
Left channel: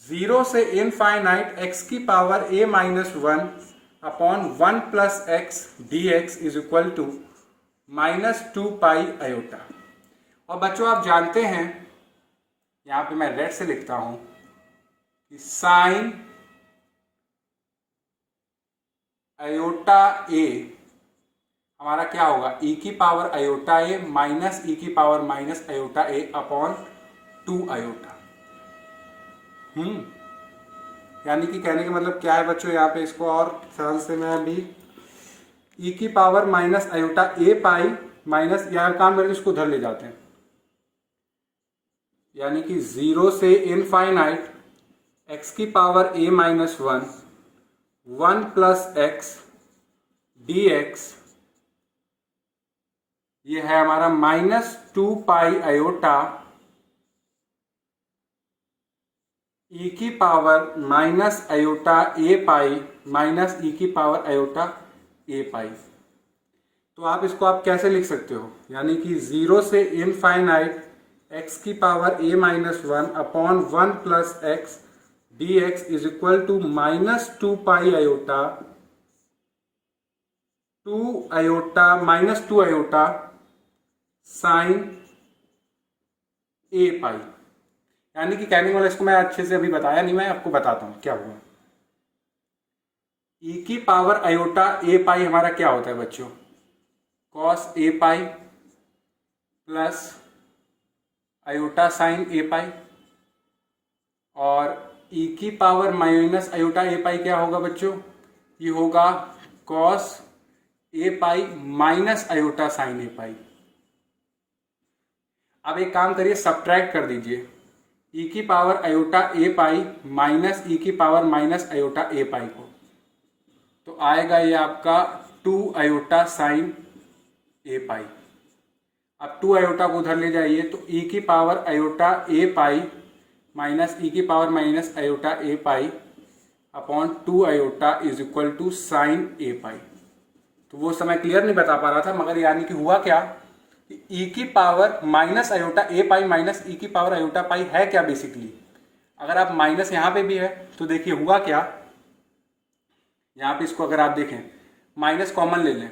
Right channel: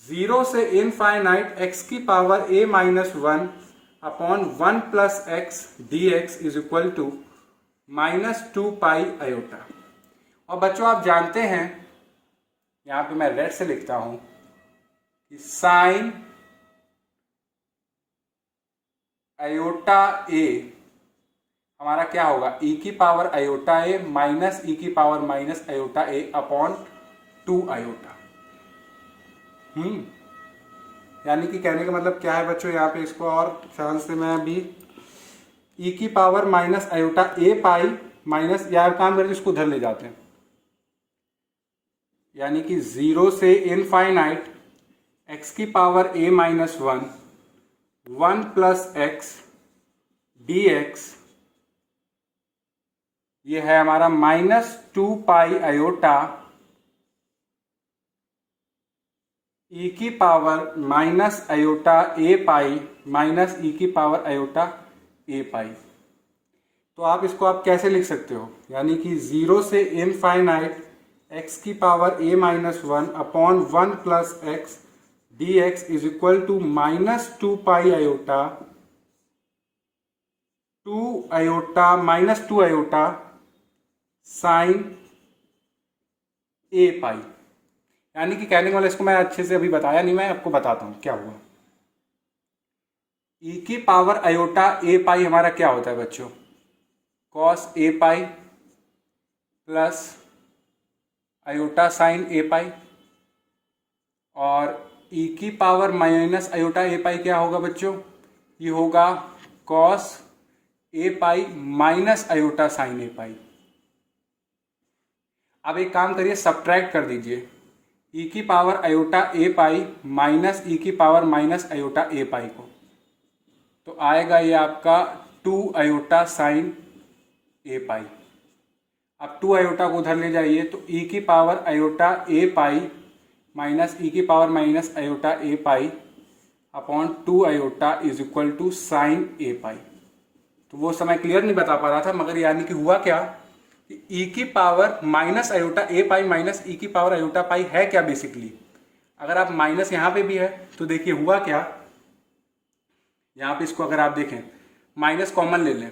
0 से इनफाइनाइट x की power a minus 1 upon 1 plus x D x is equal to -2 pi iota. और बच्चों आप जानते हैं, यहाँ पे मैं रेड से लिखता हूं कि साइन आयोटा a हमारा क्या होगा, e की power iota a minus e की power minus iota a upon 2 iota. यानी कि कहने का मतलब क्या है बच्चों, यहाँ पे इसको और ख्याल से मैं भी e की power minus iota a pi minus, यार काम करके इसको उधर ले जाते हैं, यानी कि 0 से इनफाइनाइट x की power a minus 1 plus x D x, ये है हमारा -2 पाई आयोटा ई की power minus iota a pi minus e की पावर आयोटा a पाई। तो आप इसको आप कैसे लिख सकते हो, यानी कि 0 से इनफाइनाइट x की power a minus 1 upon 1 plus x D x is equal to -2 pi iota 2 iota sine a pi. यानी कि कहने वाला, इसको मैं अच्छे से अभी बताया नहीं, मैं आपको बताता हूं क्या हुआ। e की पावर आयोटा a पाई हमारा क्या होता है बच्चों, cos a pi plus iota sine a pi, और e की power minus iota a pi क्या होगा बच्चों, ये होगा cos a pi minus iota sine a pi. अब एक काम करिए, सब्ट्रैक्ट कर दीजिए e की power iota a pi minus e की power minus iota a pi को, तो आएगा ये आपका 2 आयोटा साइन a पाई। अब 2 आयोटा को उधर ले जाइए, तो e की power iota a pi minus e की power minus iota a pi upon 2 iota is equal to sine a pi. तो वो समय क्लियर नहीं बता पा रहा था, मगर यानी कि हुआ क्या, e की power minus iota a pi minus e की पावर आयोटा पाई है क्या बेसिकली। अगर आप माइनस यहाँ पे भी है तो देखिए हुआ क्या, यहाँ पे इसको अगर आप देखें माइनस कॉमन ले लें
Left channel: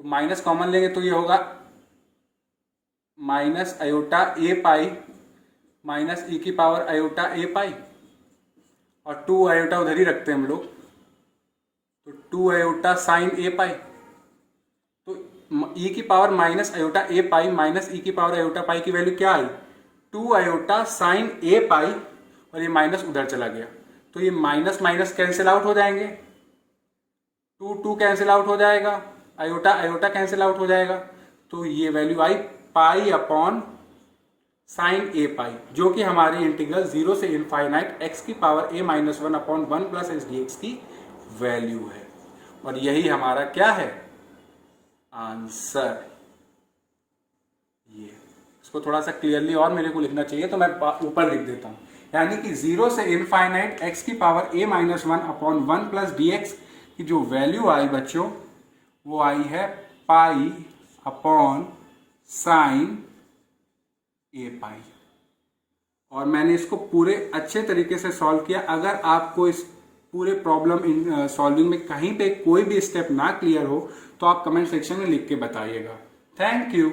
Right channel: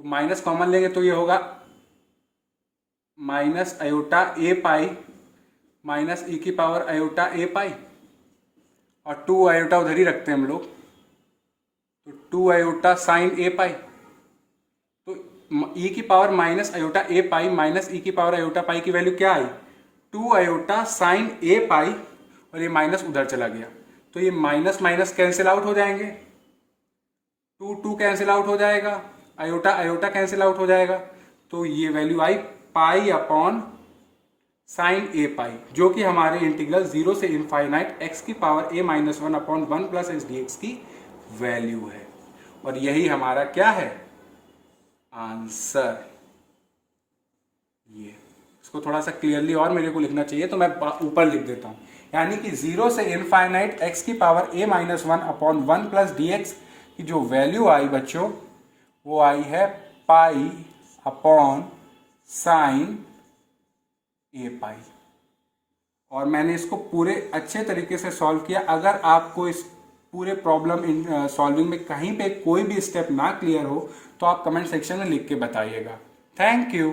तो माइनस कॉमन लेंगे तो ये होगा minus iota a pi minus e की पावर आयोटा ए पाई, और 2 आयोटा उधर ही रखते हैं हम लोग, तो 2 आयोटा साइन ए पाई। तो ई की power minus iota a pi minus e की पावर आयोटा पाई की वैल्यू क्या आई, 2 आयोटा साइन ए पाई, और ये माइनस उधर चला गया, तो ये माइनस माइनस कैंसिल आउट हो जाएंगे, 2 कैंसिल आउट हो जाएगा, आयोटा आयोटा कैंसिल आउट हो जाएगा, तो ये वैल्यू आई पाई अपॉन साइन ए पाई, जो कि हमारे इंटीग्रल 0 से इनफाइनाइट एक्स की power a minus 1 upon 1 plus S D x की वैल्यू है। और यही हमारा क्या है, आंसर। ये इसको थोड़ा सा क्लियरली और मेरे को लिखना चाहिए, तो मैं ऊपर लिख देता हूँ, यानी कि 0 से इनफाइनाइट एक्स की power a minus 1 upon 1 plus D x की जो वैल्यू आई बच्चों, वो आई है पाई अपॉन साइन ए पाई। और मैंने इसको पूरे अच्छे तरीके से सॉल्व किया। अगर आपको इस पूरे प्रॉब्लम इन सॉल्विंग में कहीं पे कोई भी स्टेप ना क्लियर हो तो आप कमेंट सेक्शन में लिख के बताइएगा। Thank you.